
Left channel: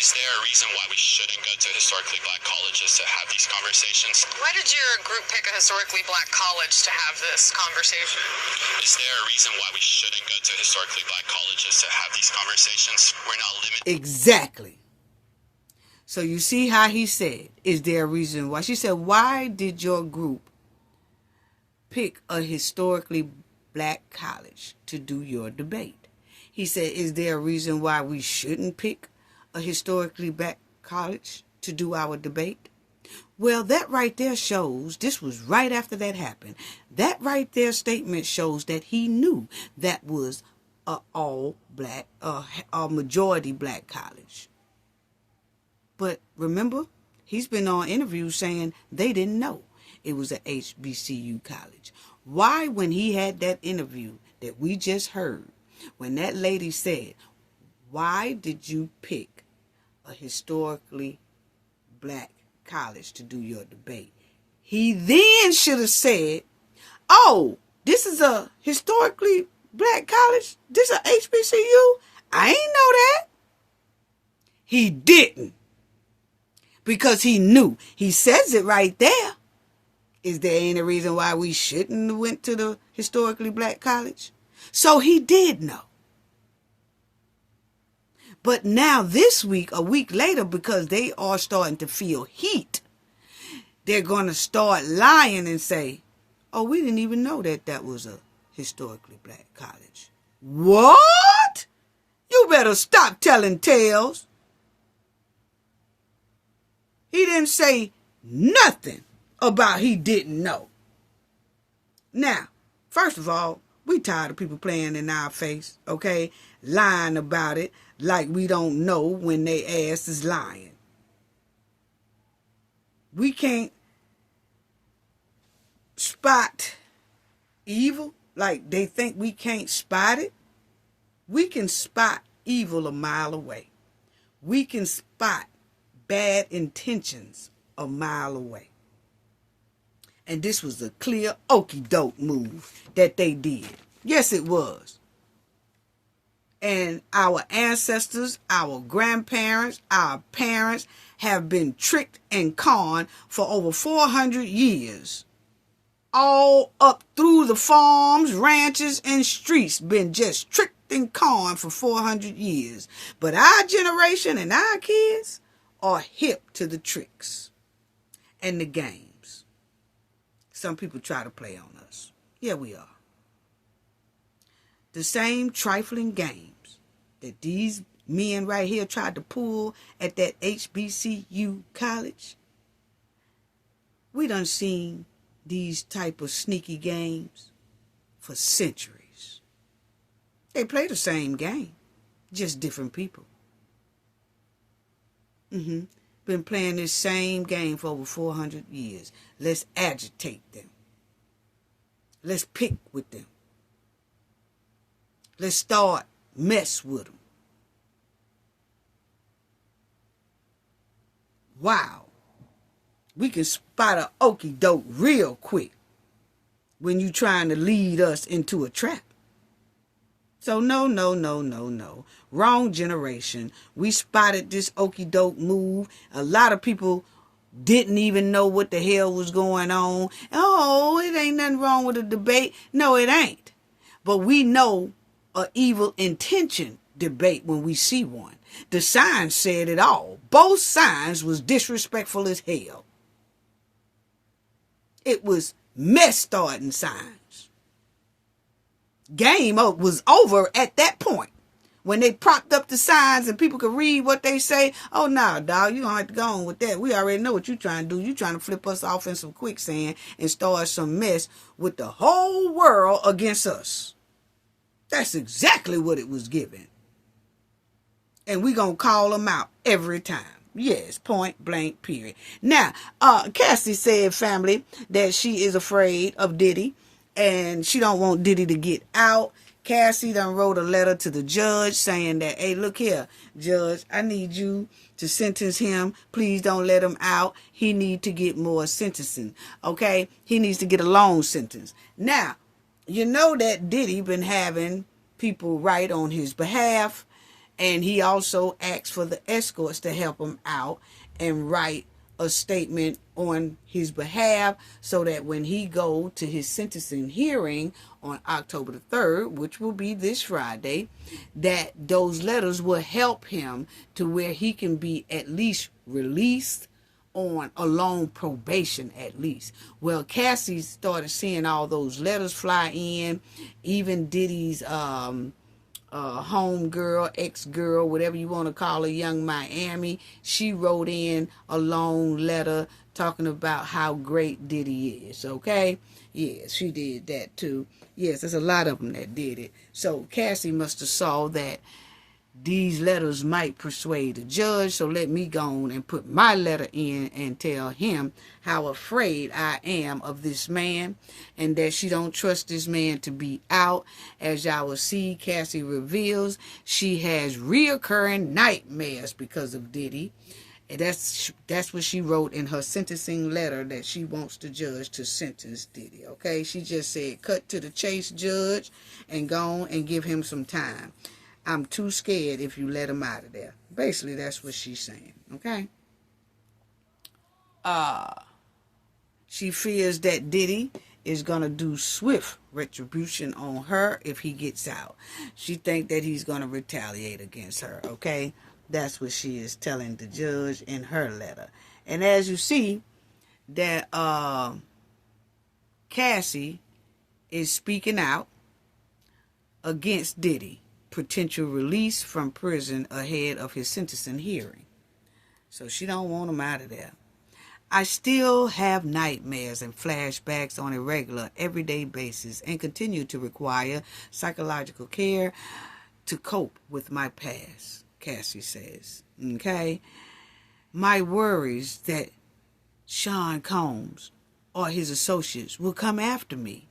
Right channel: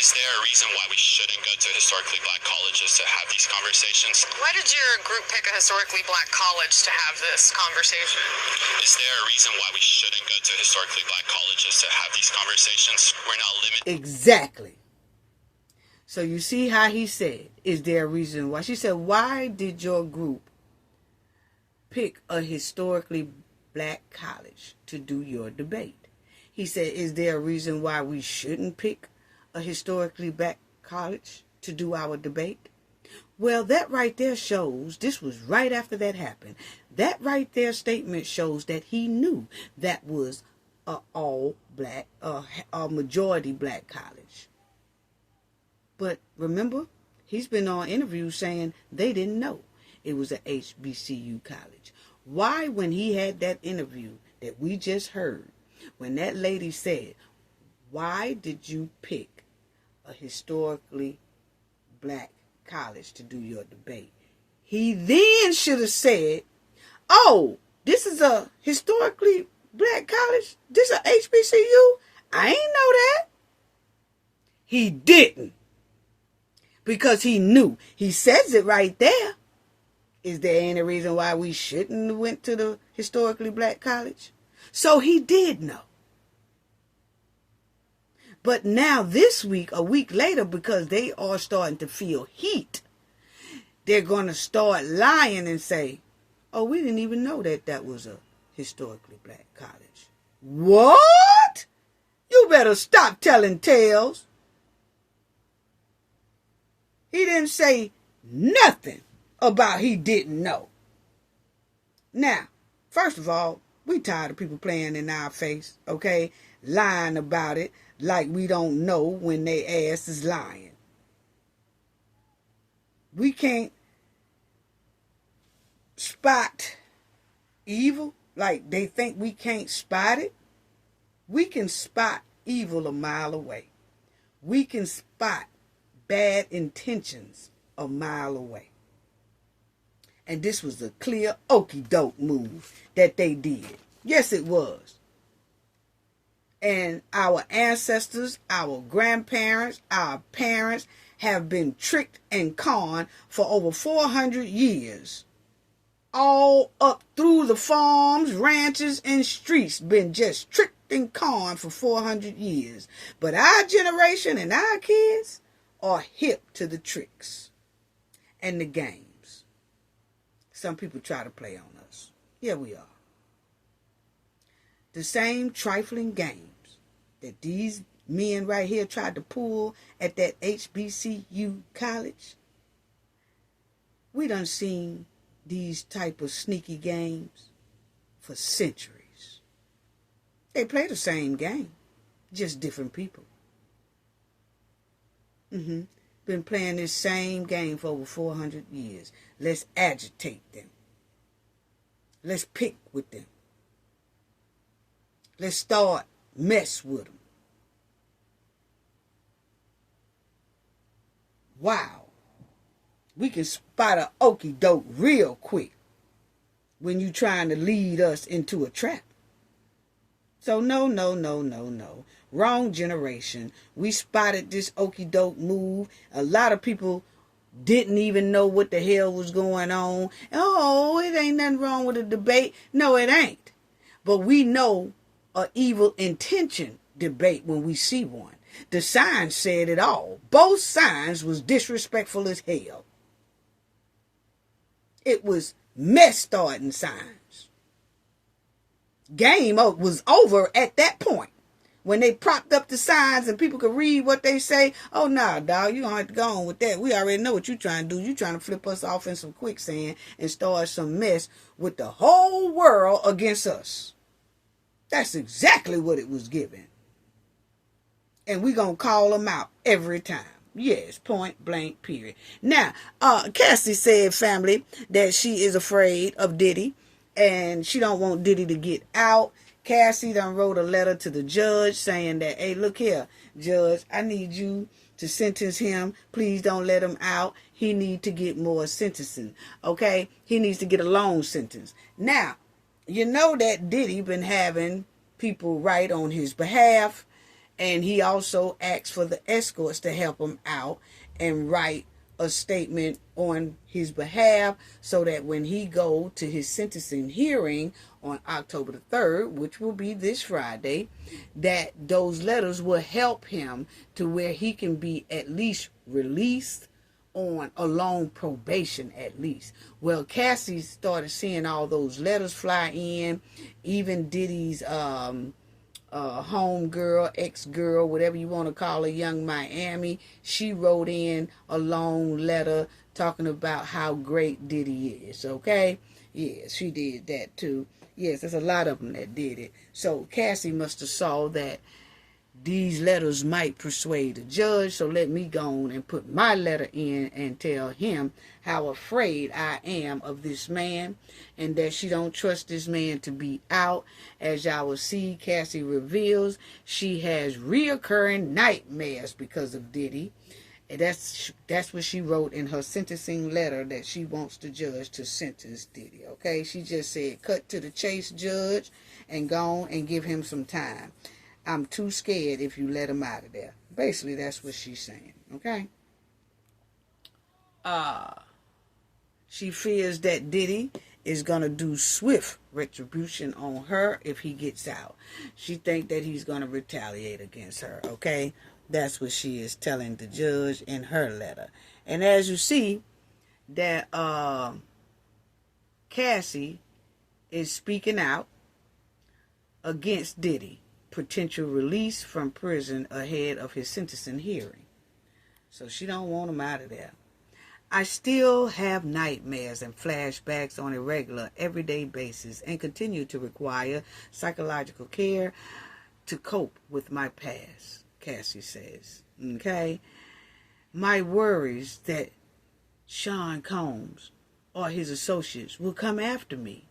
Is there a reason why we shouldn't go to historically black colleges to have these conversations? Why did your group pick a historically Black college to have this conversation? Is there a reason why we shouldn't go to historically black colleges to have these conversations? We're not limited. Exactly. So you see how he said, is there a reason why? She said, why did your group pick a historically black college to do your debate? He said, is there a reason why we shouldn't pick a historically black college to do our debate? Well, that right there shows, this was right after that happened. That right there statement shows that he knew that was a all black, a majority black college. But remember, he's been on interviews saying they didn't know it was a HBCU college. Why, when he had that interview that we just heard, when that lady said, why did you pick a historically black college to do your debate? He then should have said, oh, this is a historically black college? This is a HBCU? I ain't know that. He didn't. Because he knew. He says it right there. Is there any reason why we shouldn't have went to the historically black college? So he did know. But now this week, a week later, because they are starting to feel heat, they're going to start lying and say, oh, we didn't even know that that was a historically black college. What? You better stop telling tales. He didn't say nothing about he didn't know. Now, first of all, we tired of people playing in our face, okay? Lying about it like we don't know when they ass is lying. We can't spot evil like they think we can't spot it. We can spot evil a mile away. We can spot bad intentions a mile away. And this was a clear okie doke move that they did. Yes, it was. And our ancestors, our grandparents, our parents have been tricked and conned for over 400 years. All up through the farms, ranches, and streets, been just tricked and conned for 400 years. But our generation and our kids are hip to the tricks and the games. Some people try to play on us. Yeah, we are. The same trifling games that these men right here tried to pull at that HBCU college. We done seen these type of sneaky games for centuries. They play the same game, just different people. Been playing this same game for over 400 years. Let's agitate them. Let's pick with them. Let's start mess with them. Wow. We can spot a okie doke real quick when you trying to lead us into a trap. So no. Wrong generation. We spotted this okie doke move. A lot of people didn't even know what the hell was going on. Oh, it ain't nothing wrong with a debate. No, it ain't. But we know a evil intention debate when we see one. The signs said it all. Both signs was disrespectful as hell. It was mess starting signs. Game was over at that point. When they propped up the signs and people could read what they say, oh, nah, dog, you don't have to go on with that. We already know what you're trying to do. You're trying to flip us off in some quicksand and start some mess with the whole world against us. That's exactly what it was given. And we're going to call them out every time. Yes, point blank, period. Now, Cassie said, family, that she is afraid of Diddy and she don't want Diddy to get out. Cassie done wrote a letter to the judge saying that, hey, look here, judge, I need you to sentence him. Please don't let him out. He need to get more sentencing, okay? He needs to get a long sentence. Now, you know that Diddy been having people write on his behalf, and he also asked for the escorts to help him out and write a statement on his behalf so that when he go to his sentencing hearing on October the 3rd, which will be this Friday, that those letters will help him to where he can be at least released on a long probation at least. Well, Cassie started seeing all those letters fly in, even Diddy's home girl, ex-girl, whatever you want to call her, Young Miami, she wrote in a long letter talking about how great Diddy is, okay? Yes, she did that too. Yes, there's a lot of them that did it. So Cassie must have saw that these letters might persuade the judge, so let me go on and put my letter in and tell him how afraid I am of this man and that she don't trust this man to be out. As y'all will see, Cassie reveals she has reoccurring nightmares because of Diddy. And that's what she wrote in her sentencing letter, that she wants the judge to sentence Diddy, okay? She just said, cut to the chase, judge, and go on and give him some time. I'm too scared if you let him out of there. Basically, that's what she's saying, okay? She fears that Diddy is going to do swift retribution on her if he gets out. She thinks that he's going to retaliate against her, okay? That's what she is telling the judge in her letter. And as you see, that Cassie is speaking out against Diddy potential release from prison ahead of his sentencing hearing. So she don't want him out of there. I still have nightmares and flashbacks on a regular, everyday basis and continue to require psychological care to cope with my past, Cassie says. Okay? My worries that Sean Combs or his associates will come after me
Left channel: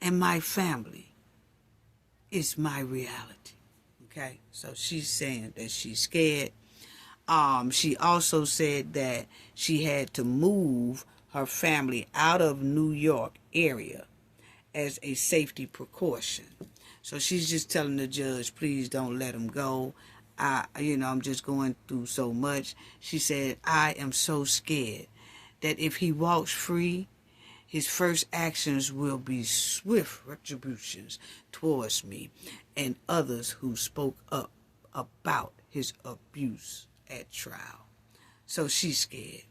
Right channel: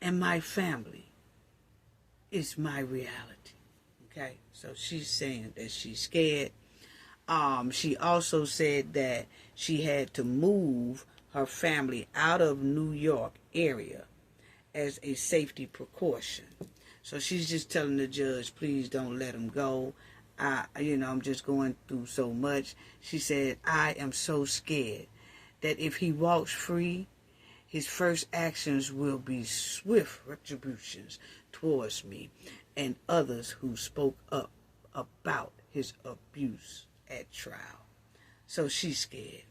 and my family is my reality. Okay? So she's saying that she's scared. She also said that she had to move her family out of New York area as a safety precaution. So she's just telling the judge, please don't let him go. I'm just going through so much. She said, I am so scared that if he walks free, his first actions will be swift retributions towards me and others who spoke up about his abuse at trial. So she's scared.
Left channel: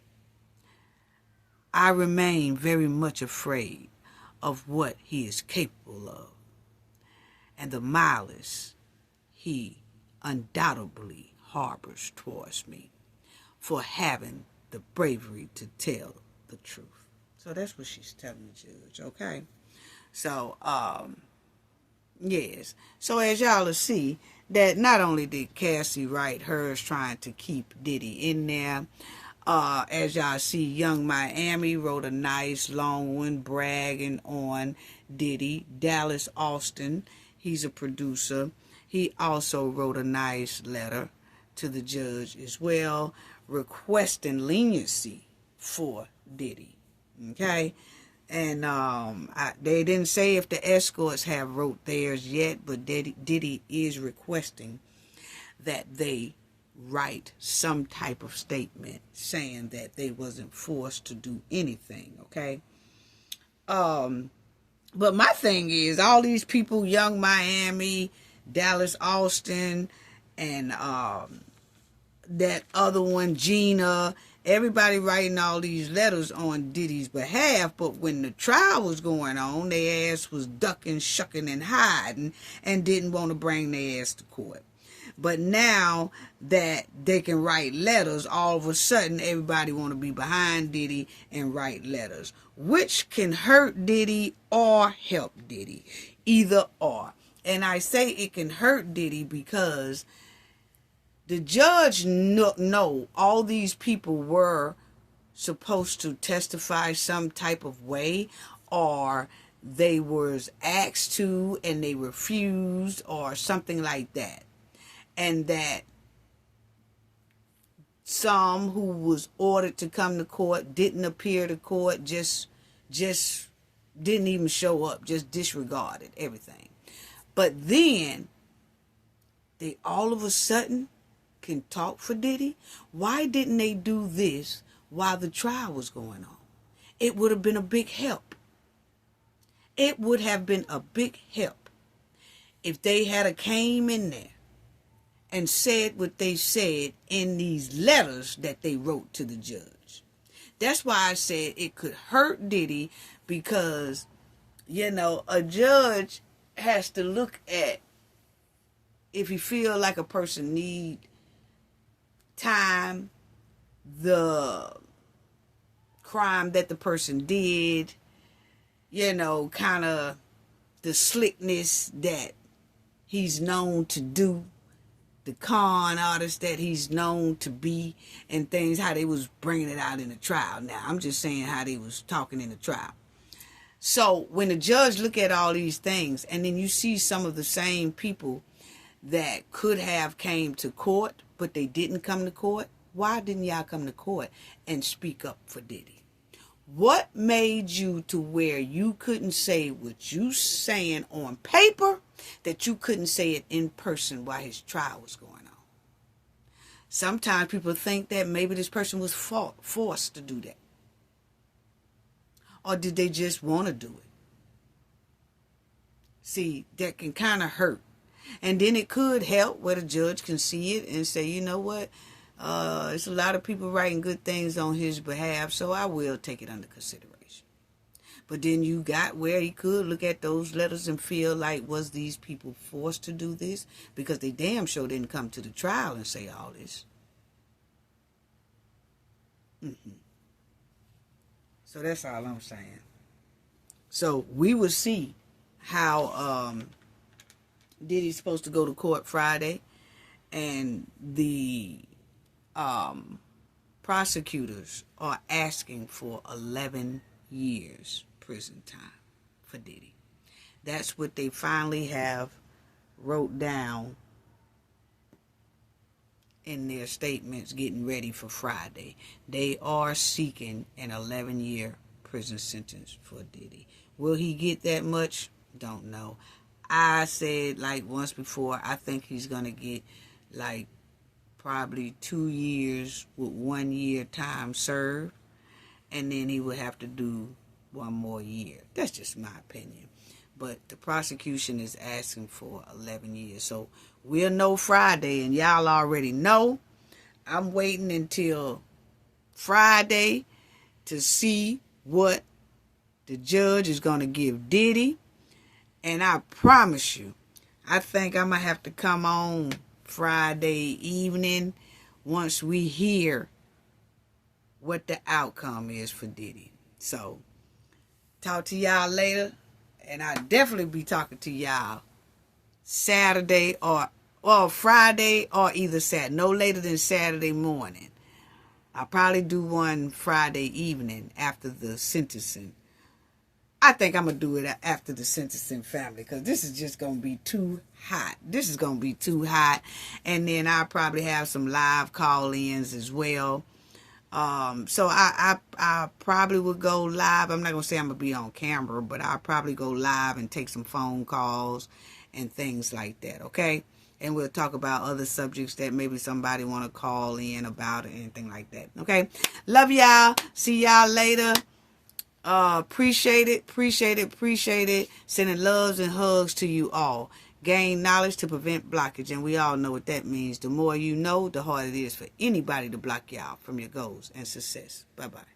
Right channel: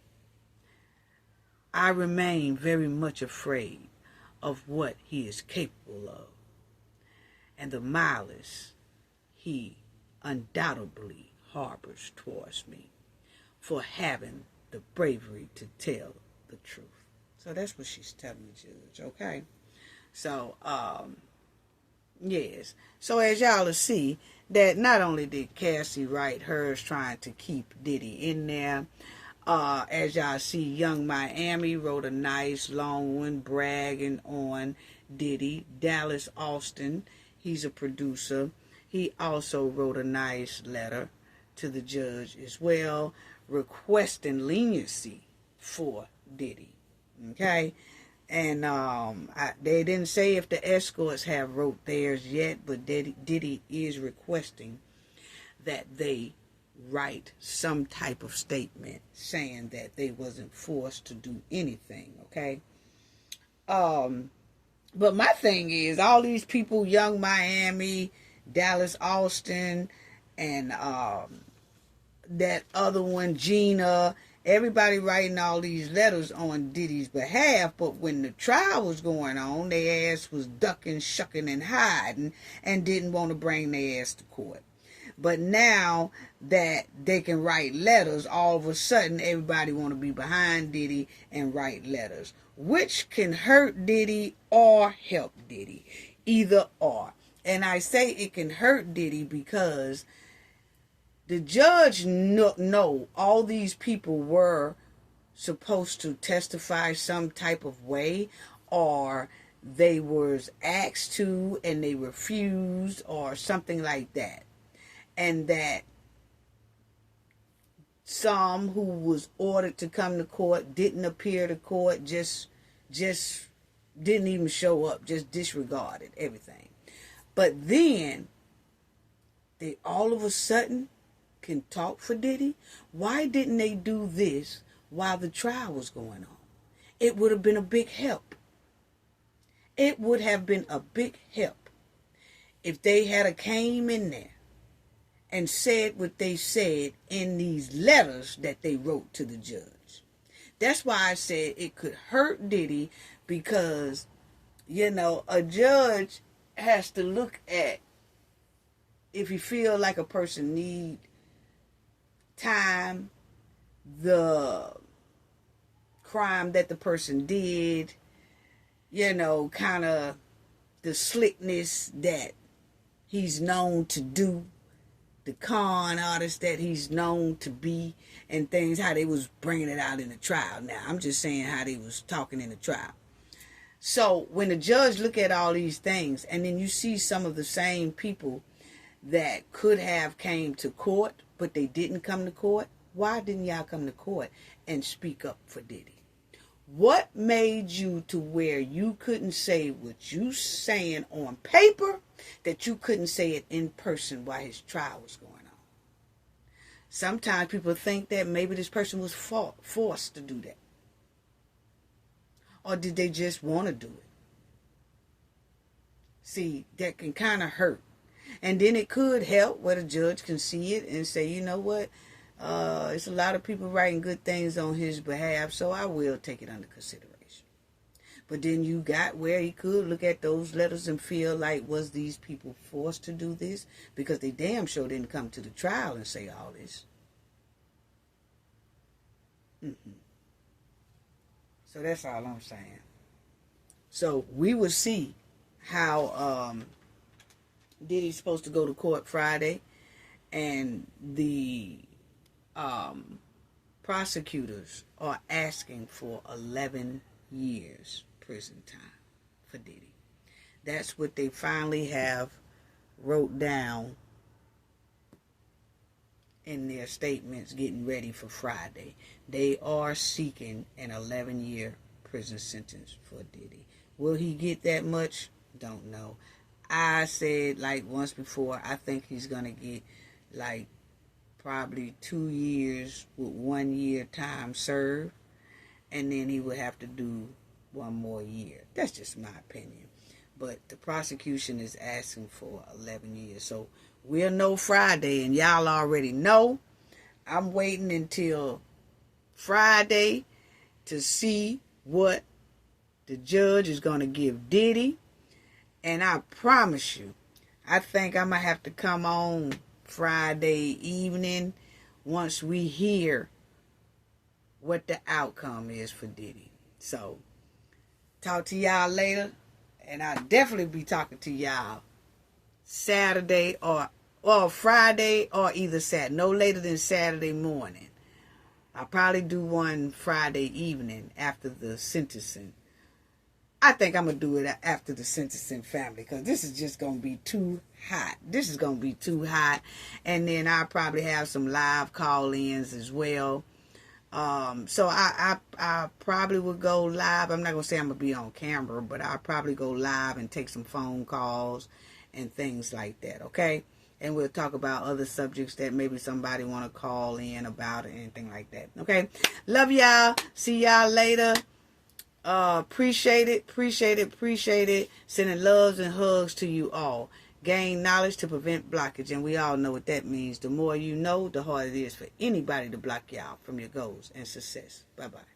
I remain very much afraid of what he is capable of and the malice he undoubtedly harbors towards me for having the bravery to tell the truth. So that's what she's telling the judge, okay? So, yes. So as y'all will see, that not only did Cassie write hers trying to keep Diddy in there, as y'all see, Young Miami wrote a nice long one bragging on Diddy. Dallas Austin, he's a producer. He also wrote a nice letter to the judge as well, requesting leniency for Diddy. Okay? And they didn't say if the escorts have wrote theirs yet, but Diddy is requesting that they write some type of statement saying that they wasn't forced to do anything, okay? But my thing is, all these people, Young Miami, Dallas Austin, and that other one, Gina, everybody writing all these letters on Diddy's behalf, but when the trial was going on, their ass was ducking, shucking, and hiding, and didn't want to bring their ass to court. But now that they can write letters, all of a sudden everybody want to be behind Diddy and write letters, which can hurt Diddy or help Diddy, either or. And I say it can hurt Diddy because the judge know all these people were supposed to testify some type of way, or they was asked to and they refused, or something like that. And that some who was ordered to come to court didn't appear to court, just didn't even show up, just disregarded everything. But then they all of a sudden can talk for Diddy. Why didn't they do this while the trial was going on? It would have been a big help. It would have been a big help if they had came in there and said what they said in these letters that they wrote to the judge. That's why I said it could hurt Diddy, because, a judge has to look at if he feel like a person need time, the crime that the person did, kind of the slickness that he's known to do, the con artist that he's known to be, and things, how they was bringing it out in the trial. Now, I'm just saying how they was talking in the trial. So when the judge look at all these things, and then you see some of the same people that could have came to court, but they didn't come to court, why didn't y'all come to court and speak up for Diddy? What made you to where you couldn't say what you saying on paper, that you couldn't say it in person while his trial was going on? Sometimes people think that maybe this person was forced to do that. Or did they just want to do it? See, that can kind of hurt. And then it could help where the judge can see it and say, you know what? It's a lot of people writing good things on his behalf, so I will take it under consideration. But then you got where he could look at those letters and feel like, was these people forced to do this? Because they damn sure didn't come to the trial and say all this. So that's all I'm saying. So we will see how Diddy's supposed to go to court Friday, and the prosecutors are asking for 11 years prison time for Diddy. That's what they finally have wrote down in their statements getting ready for Friday. They are seeking an 11-year prison sentence for Diddy. Will he get that much? Don't know. I said like once before, I think he's going to get like probably 2 years with 1 year time served, and then he would have to do 1 more year. That's just my opinion. But the prosecution is asking for 11 years. So we'll know Friday, and y'all already know. I'm waiting until Friday to see what the judge is going to give Diddy. And I promise you, I think I'm going to have to come on Friday evening once we hear what the outcome is for Diddy. So, talk to y'all later. And I'll definitely be talking to y'all Saturday or Friday or either Saturday. No later than Saturday morning. I'll probably do one Friday evening after the sentencing. I think I'm going to do it after the sentencing, family, because this is just going to be too hot. This is going to be too hot. And then I'll probably have some live call-ins as well. So I probably would go live. I'm not going to say I'm going to be on camera, but I'll probably go live and take some phone calls and things like that, okay? And we'll talk about other subjects that maybe somebody want to call in about or anything like that, okay? Love y'all. See y'all later. Appreciate it. Sending loves and hugs to you all. Gain knowledge to prevent blockage, and we all know what that means. The more you know, the harder it is for anybody to block you out from your goals and success. Bye-bye.